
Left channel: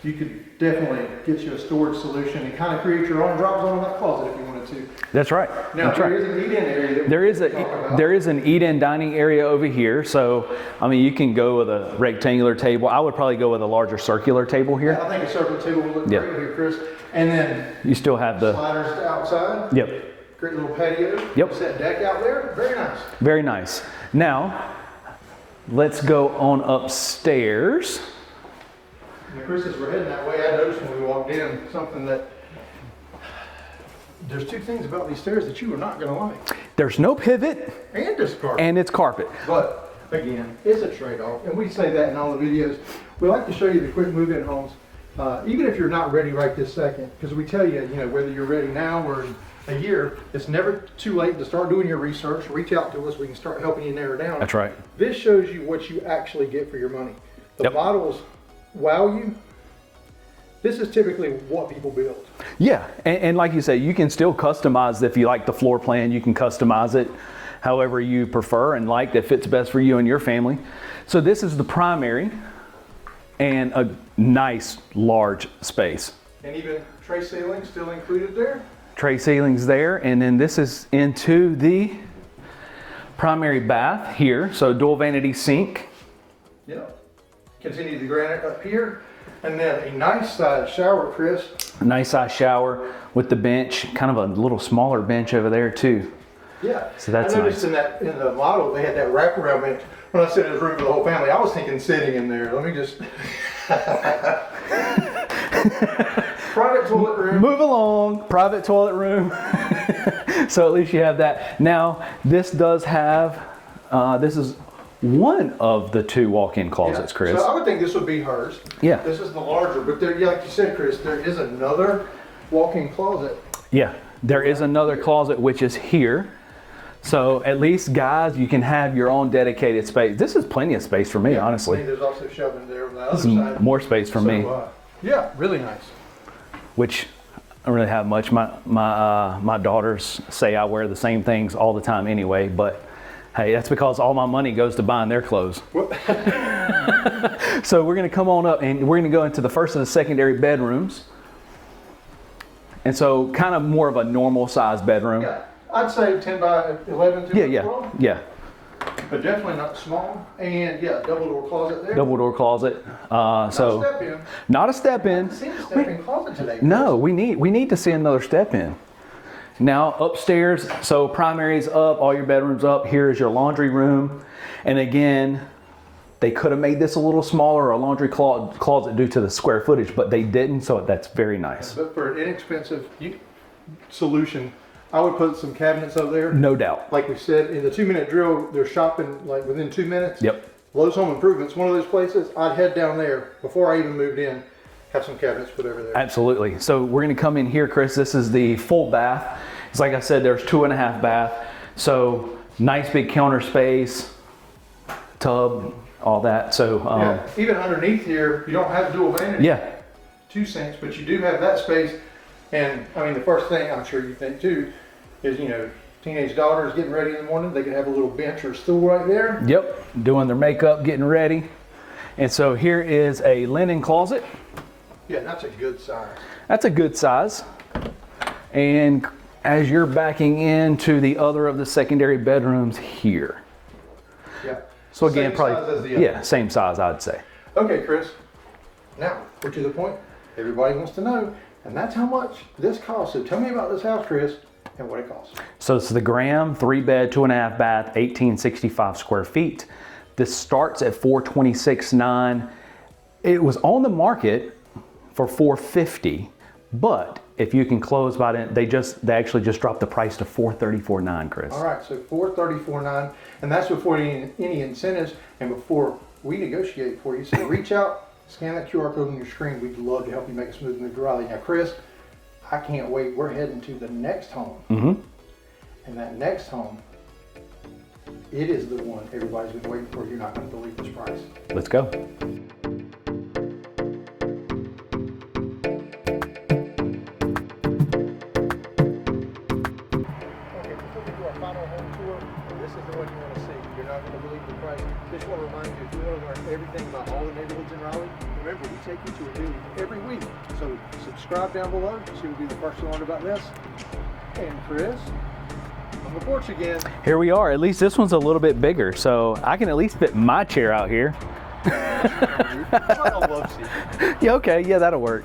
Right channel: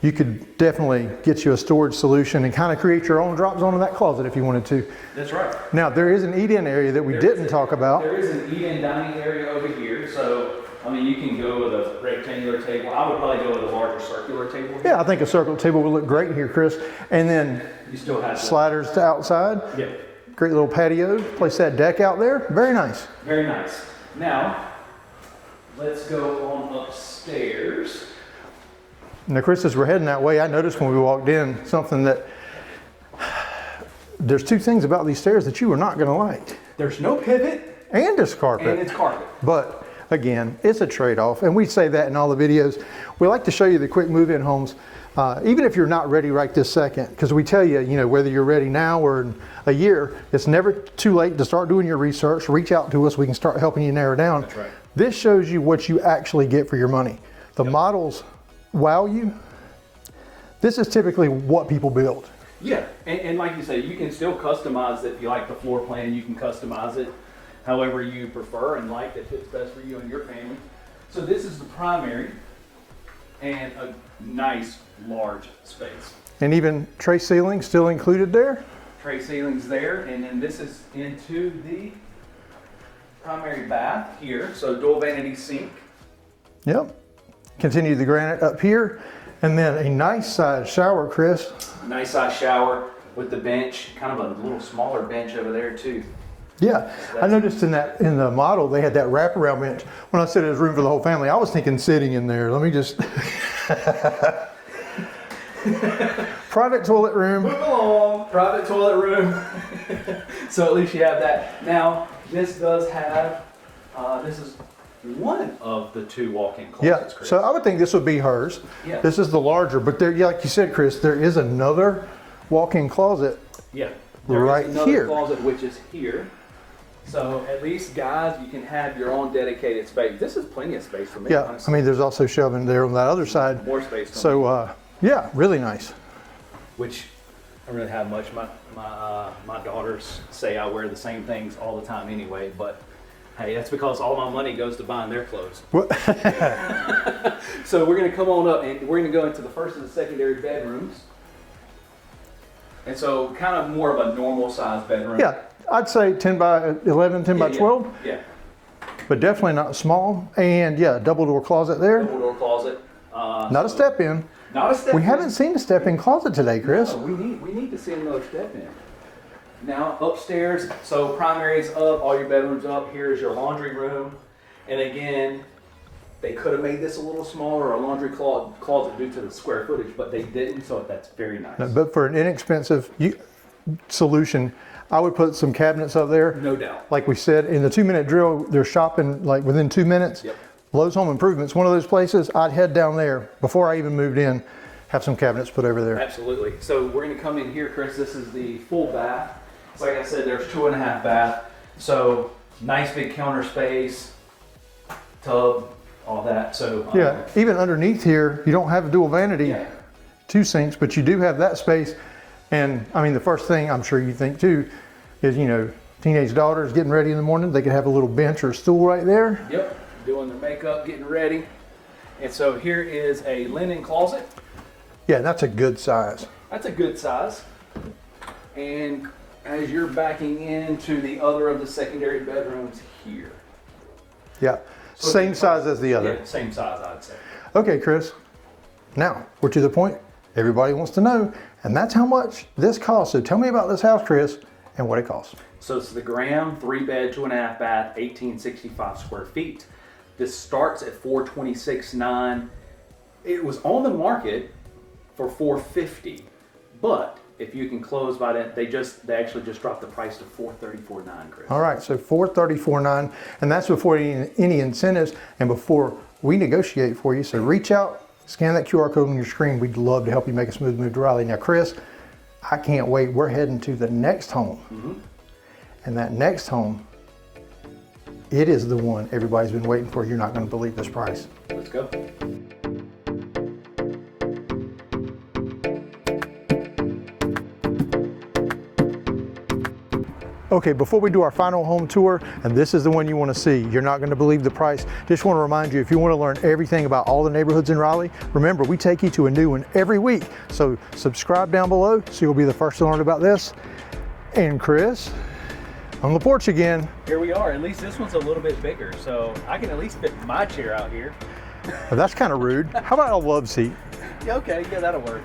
You could definitely get you a storage solution and kind of create your own drop zone in that closet if you wanted to. That's right. Now, there is an eat-in area that we didn't talk about. There is an eat-in dining area over here. So, I mean, you can go with a rectangular table. I would probably go with a larger circular table here. Yeah, I think a circular table would look great here, Chris. And then you still have the sliders to outside. Yep. Great little patio. Place that deck out there. Very nice. Very nice. Now, let's go on upstairs. Now, Chris, as we're heading that way, I noticed when we walked in something that there's 2 things about these stairs that you are not going to like. There's no pivot. And it's carpet. And it's carpet. But again, it's a trade-off. And we say that in all the videos. We like to show you the quick move-in homes, even if you're not ready right this second, because we tell you, you know, whether you're ready now or in a year, it's never too late to start doing your research. Reach out to us. We can start helping you narrow down. That's right. This shows you what you actually get for your money. The models wow you. This is typically what people build. Yeah, and like you say, you can still customize. If you like the floor plan, you can customize it however you prefer and like that fits best for you and your family. So this is the primary and a nice large space. And even tray ceiling still included there. Tray ceilings there, and then this is into the primary bath here. So dual vanity sink. Yep. Continue the granite up here, and then a nice size shower, Chris. A nice size shower with the bench, kind of a little smaller bench over there too. Yeah, so that's I noticed nice. in the model they had that wraparound bench. When I said it was room for the whole family, I was thinking sitting in there. Let me just private toilet room. Move along, private toilet room. So at least you have that. Now this does have this is one of the 2 walk-in closets, Chris. So I would think this would be hers. Yeah. This is the larger, but there, like you said, Chris, there is another walk-in closet. Yeah, there is another here. closet which is here. So at least, guys, you can have your own dedicated space. This is plenty of space for me, honestly. I mean, there's also shelving there on that other side. More space for me. So, yeah, really nice. Which I don't really have much. My daughters say I wear the same things all the time anyway, but hey, that's because all my money goes to buying their clothes. So we're going to come on up and we're going to go into the first of the secondary bedrooms. And so kind of more of a normal size bedroom. Yeah, I'd say 10 by 11, 10 by 12. Yeah. But definitely not small. And yeah, double door closet there. Double door closet. Not a step in. Not a step in. We haven't seen a step in closet today, Chris. No, we need to see another step in. Now upstairs, so primary's up, all your bedrooms up. Here is your laundry room. And again, they could have made this a little smaller, a laundry closet due to the square footage, but they didn't, so that's very nice. But for an inexpensive solution, I would put some cabinets up there. No doubt. Like we said, in the 2-minute drill, they're shopping like within 2 minutes. Yep. Lowe's Home Improvements, one of those places, I'd head down there before I even moved in, have some cabinets put over there. Absolutely. So we're going to come in here, Chris. This is the full bath. It's like I said, there's 2.5 bath. So nice big counter space, tub, all that. So yeah, even underneath here, you don't have dual vanity. Yeah. 2 sinks, but you do have that space. And I mean, the first thing I'm sure you think too is, you know, teenage daughter is getting ready in the morning, they can have a little bench or stool right there. Yep, doing their makeup, getting ready. And so here is a linen closet. Yeah, that's a good size. That's a good size. And as you're backing into the other of the secondary bedrooms here. Yeah, so same size as the other. Yeah, same size, I'd say. Okay, Chris. Now, we're to the point everybody wants to know, and that's how much this costs. So tell me about this house, Chris, and what it costs. So it's the Graham 3-bed, 2.5 bath, 1865 square feet. This starts at $426,900. It was on the market for $450,000, but if you can close by it, they actually just dropped the price to $434,900, Chris. All right, so $434,900, and that's before any incentives and before we negotiate for you. So reach out, scan that QR code on your screen. We'd love to help you make a smooth move to Raleigh. Now, Chris, I can't wait. We're heading to the next home. And that next home, it is the one everybody's been waiting for. You're not going to believe this price. Let's go. Okay, before we do our final home tour, and this is the one you want to see, you're not going to believe the price. Just want to remind you, if you want to learn everything about all the neighborhoods in Raleigh, remember, we take you to a new one every week. So subscribe down below so you'll be the first to learn about this. And Chris, on the porch again. Here we are. At least this one's a little bit bigger, so I can at least fit my chair out here. Well, that's kind of rude. How about a love seat? Yeah, okay, yeah, that'll work.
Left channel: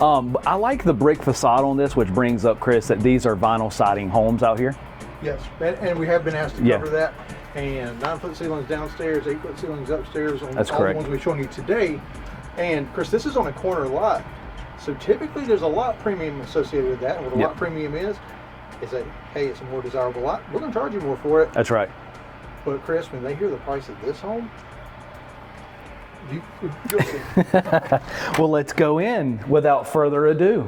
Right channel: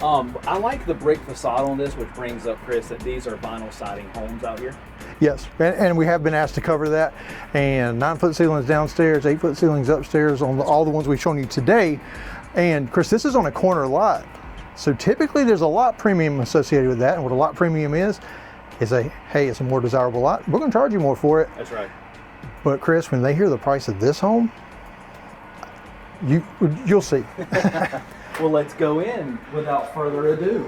I like the brick facade on this, which brings up, Chris, that these are vinyl siding homes out here. Yes, and we have been asked to cover that. And 9-foot ceilings downstairs, 8-foot ceilings upstairs on all the ones we've shown you today. And Chris, this is on a corner lot. So typically there's a lot premium associated with that. And what a lot premium is hey, it's a more desirable lot. We're gonna charge you more for it. That's right. But Chris, when they hear the price of this home, you'll see. Well, let's go in without further ado.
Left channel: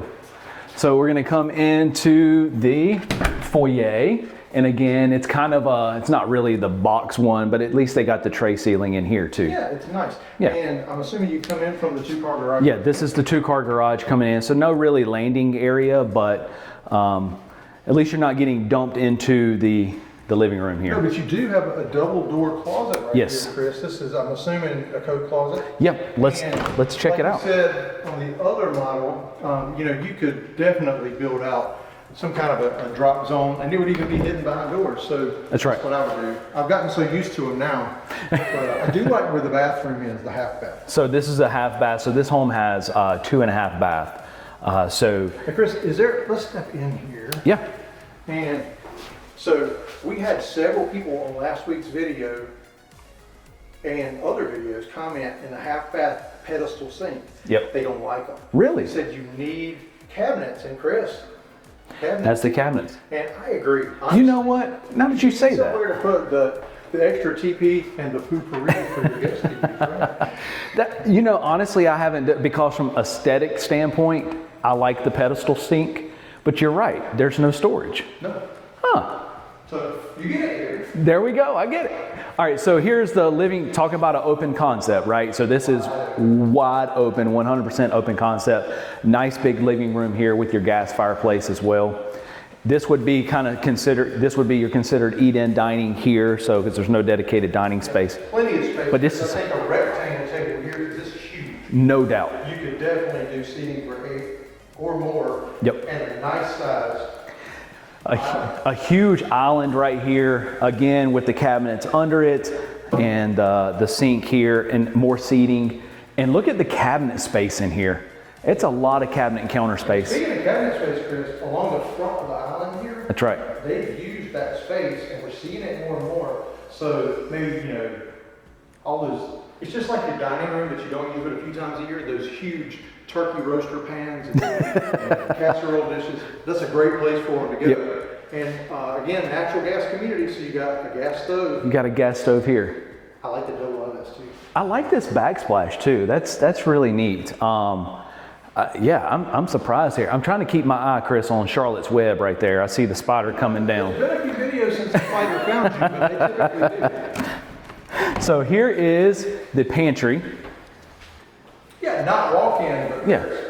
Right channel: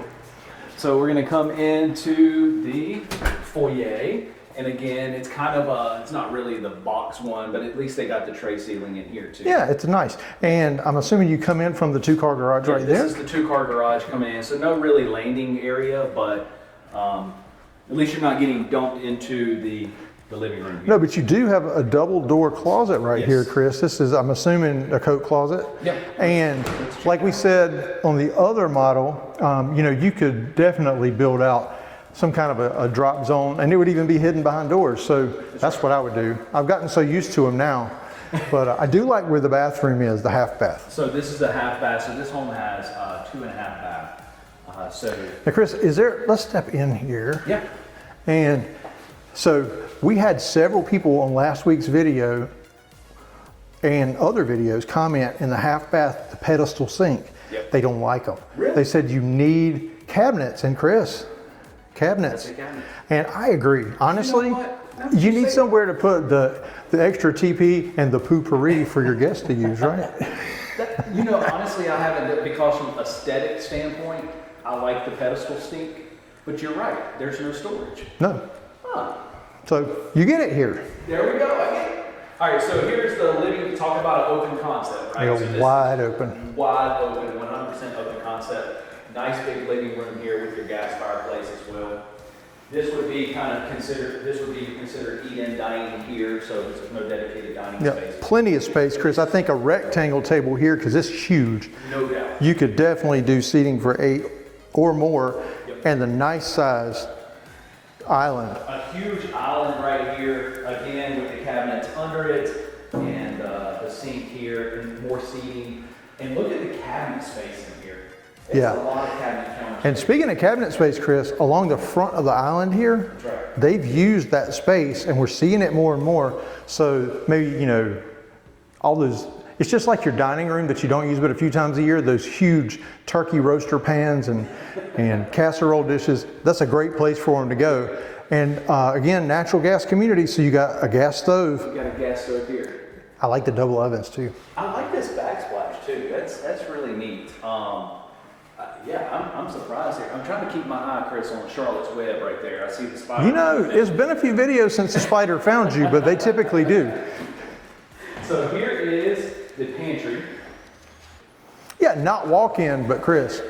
So we're going to come into the foyer, and again, it's kind of it's not really the box one, but at least they got the tray ceiling in here too. Yeah, it's nice. Yeah. And I'm assuming you come in from the 2-car garage right there? Yeah, this is the 2-car garage coming in, so no really landing area, but at least you're not getting dumped into the living room here. No, but you do have a double door closet right here, Chris. This is, I'm assuming, a coat closet. Yep. Let's check it out. Like we said on the other model, you could definitely build out some kind of a drop zone, and it would even be hidden behind doors. So that's what I would do. I've gotten so used to them now, but I do like where the bathroom is, the half bath. So this is a half bath. So this home has 2.5 bath. Now, Chris, let's step in here. Yeah. And so we had several people on last week's video and other videos comment in the half bath, the pedestal sink. Yep. They don't like them. Really? They said you need cabinets, and Chris, cabinets. That's the cabinets. And I agree. Honestly, you know what? Now you need somewhere to put the extra TP and the poopery for your guests to use, right? Honestly, I haven't, because from aesthetic standpoint, I like the pedestal sink, but you're right. There's no storage. No. Huh. So you get it here. There we go. I get it. All right. So here's the living. Talking about an open concept, right? Yeah, so this is wide open, 100% open concept. Nice big living room here with your gas fireplace as well. This would be your considered eat-in dining here. So because there's no dedicated dining space. Plenty of space. Because I think a rectangle table here, because it's huge. No doubt. You could definitely do seating for 8 or more. Yep. And a nice size island. A huge island right here, again with the cabinets under it, and the sink here, and more seating. And look at the cabinet space in here. It's a lot of cabinet and counter space. And speaking of cabinet space, Chris, along the front of the island here, that's right, they've used that space, and we're seeing it more and more. So maybe, all those, it's just like your dining room that you don't use but a few times a year, those huge turkey roaster pans and casserole dishes. That's a great place for them to go. Yep. And again, natural gas community, so you got a gas stove. You got a gas stove here. I like the double ovens too. I like this backsplash too. That's really neat. I'm surprised here. I'm trying to keep my eye, Chris, on Charlotte's Web right there. I see the spider coming down. There's been a few videos since the spider found you, but they typically do. So here is the pantry. Yeah, not walk-in, but Chris,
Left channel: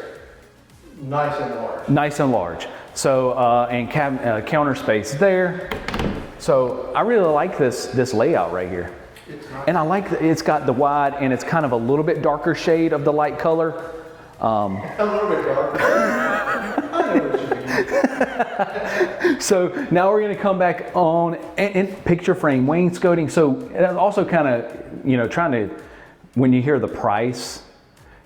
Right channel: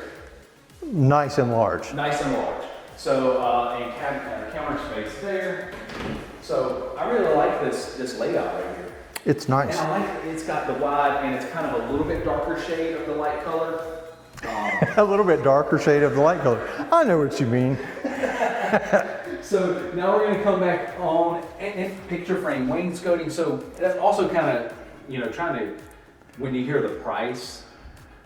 nice and large. Nice and large. So, and counter space there. So I really like this layout right here. It's nice. And I like that it's got the wide and it's kind of a little bit darker shade of the light color. A little bit darker shade of the light color. I know what you mean. So now we're going to come back on and picture frame wainscoting. So and also kind of, you know, trying to, when you hear the price,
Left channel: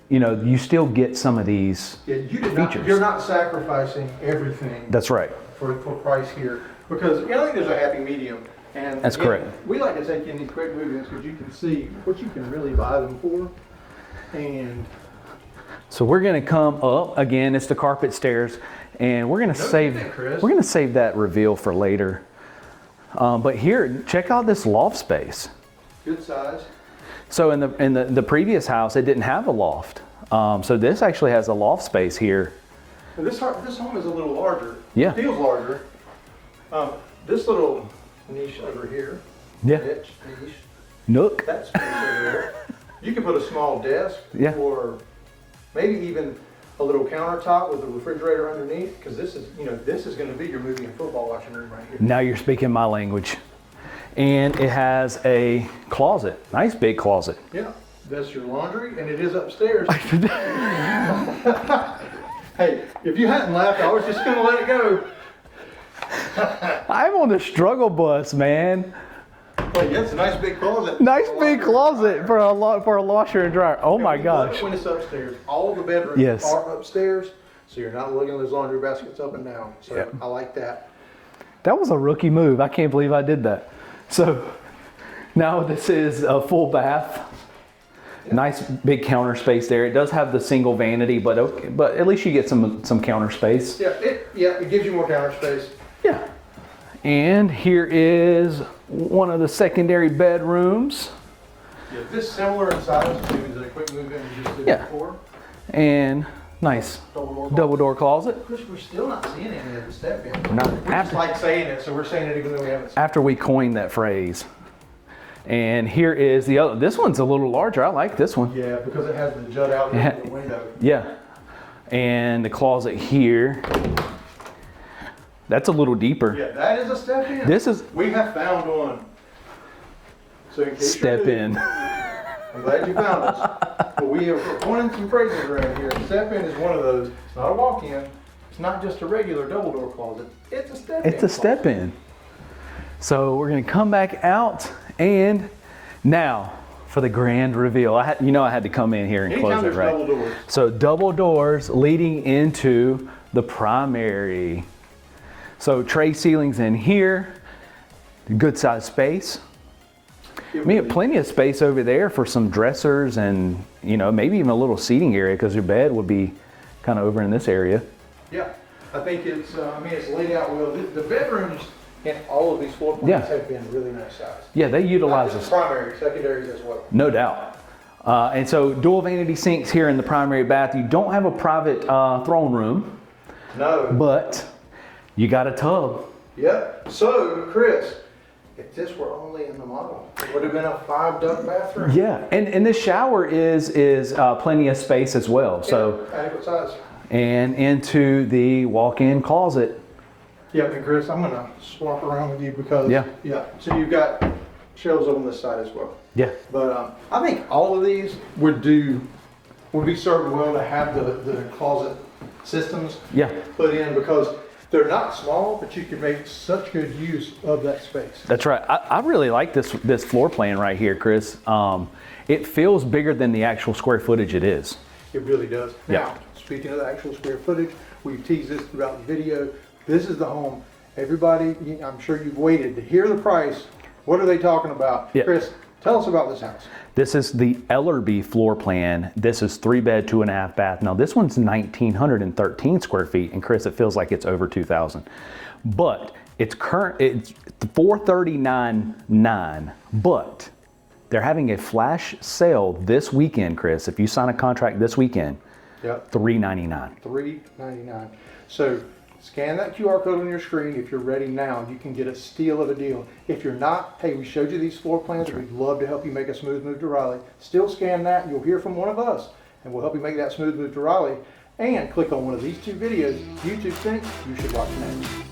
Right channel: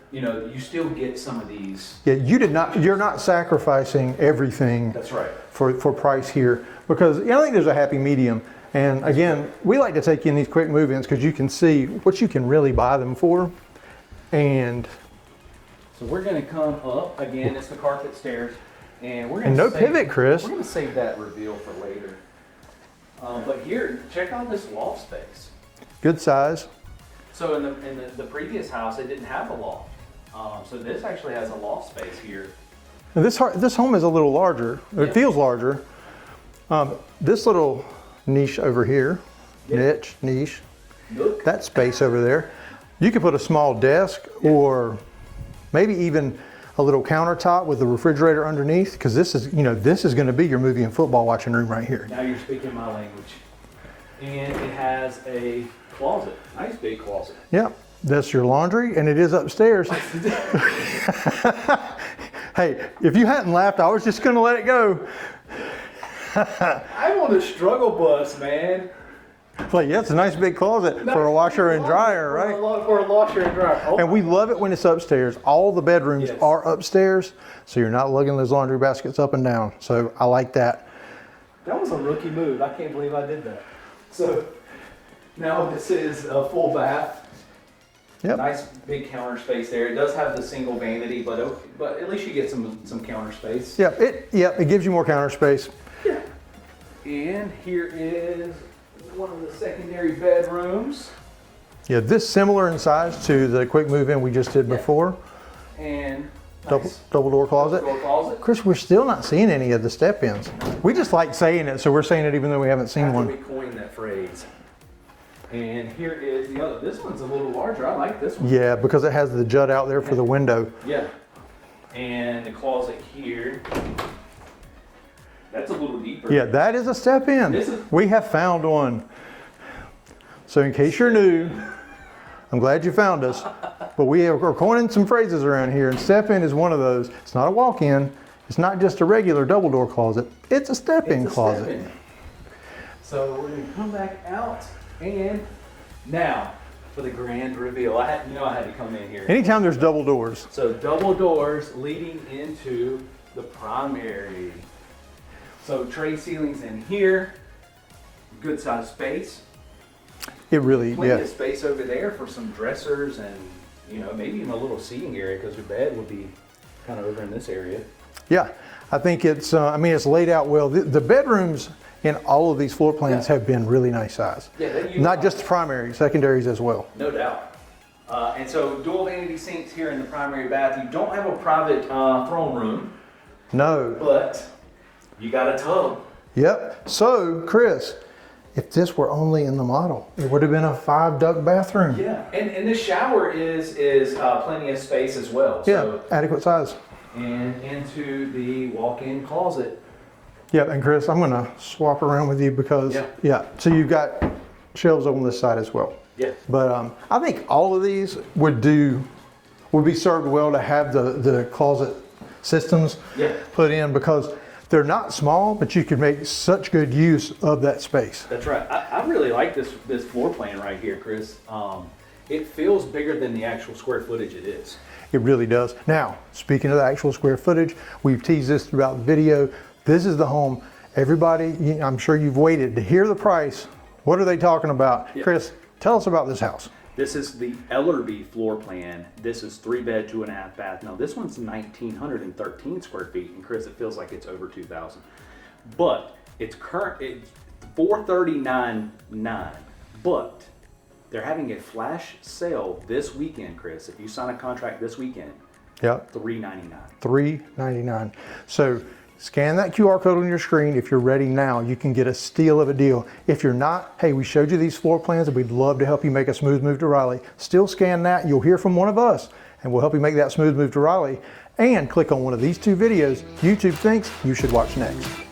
you know, you still get some of these. Yeah, you did not. features. You're not sacrificing everything. That's right. For price here, because I think there's a happy medium. And That's again, correct. we like to take you in these quick move-ins because you can see what you can really buy them for. And So we're going to come up again. It's the carpet stairs, and we're going to no save pivot, Chris. We're going to save that reveal for later. But here, check out this loft space. good size. So in the previous house, it didn't have a loft. So this actually has a loft space here. And this home is a little larger. Yeah. It feels larger. This little niche over here, Yeah. niche, Nook. that space over there, you could put a small desk Yeah. or maybe even a little countertop with the refrigerator underneath, because this is going to be your movie and football watching room right here. Now you're speaking my language. And it has a closet, nice big closet. Yeah, that's your laundry, and it is upstairs. Hey, if you hadn't laughed, I was just going to let it go. I'm on the struggle bus, man. Like, yeah, it's a nice big closet Nice for a big washer and closet dryer. for, right? for a washer and dryer. Oh And my we gosh. love it when it's upstairs. All the bedrooms Yes. are upstairs, so you're not lugging those laundry baskets up and down. So Yep. I like that. That was a rookie move. I can't believe I did that. So now this is a full bath. Yep. Nice big counter space there. It does have the single vanity, but okay, but at least you get some counter space. Yeah, it gives you more counter space. Yeah. And here is one of the secondary bedrooms. Yeah, this similar in size to the quick move-in we just did Yeah. before. And nice Double door closet. double door closet. Chris, we're still not seeing any of the step-ins. No. We just like saying it, so we're saying it even though we haven't seen After one. we coined that phrase. And here is the other. This one's a little larger. I like this one. Yeah, because it has the jut out there Yeah. for the window. Yeah. And the closet here. That's a little deeper. Yeah, that is a step-in. This is- We have found one. So in case you're Step new, in. I'm glad you found us. But we are coining some phrases around here, and step-in is one of those. It's not a walk-in. It's not just a regular double door closet. It's a step-in It's a closet. step in. So we're gonna come back out, and now for the grand reveal. I had to come in here. And Anytime close there's it, right? double doors. So double doors leading into the primary. So tray ceilings in here, good size space. It We really, have plenty yeah. of space over there for some dressers and maybe even a little seating area because your bed would be kind of over in this area. Yeah, I think it's. It's laid out well. The bedrooms in all of these floor plans Yeah. have been really nice size. Yeah, they utilize Not just this. primary, secondaries as well. No doubt. And so dual vanity sinks here in the primary bath. You don't have a private throne room, No. but you got a tub. Yep. So, Chris, if this were only in the model, it would have been a 5-duct bathroom. Yeah, and this shower is plenty of space as well. So Yeah, adequate size. and into the walk-in closet. Yeah, and Chris, I'm gonna swap around with you because Yeah. So you've got shelves on this side as well. Yeah. But I think all of these would be served well to have the closet systems Yeah. put in because they're not small, but you can make such good use of that space. That's right. I really like this floor plan right here, Chris. It feels bigger than the actual square footage it is. It really does. Now, speaking of the actual square footage, we've teased this throughout the video. This is the home. Everybody, I'm sure you've waited to hear the price. What are they talking about? Yeah. Chris, tell us about this house. This is the ALLERGIES floor plan. This is 3-bed, 2.5 bath. Now this one's 1,913 square feet, and Chris, it feels like it's over 2,000. But it's $439,900. But they're having a flash sale this weekend, Chris. If you sign a contract this weekend, Yep. $399. $399. So scan that QR code on your screen. If you're ready now, you can get a steal of a deal. If you're not, hey, we showed you these floor plans and we'd love to help you make a smooth move to Raleigh. Still scan that. You'll hear from one of us and we'll help you make that smooth move to Raleigh. and click on one of these two videos YouTube thinks you should watch next.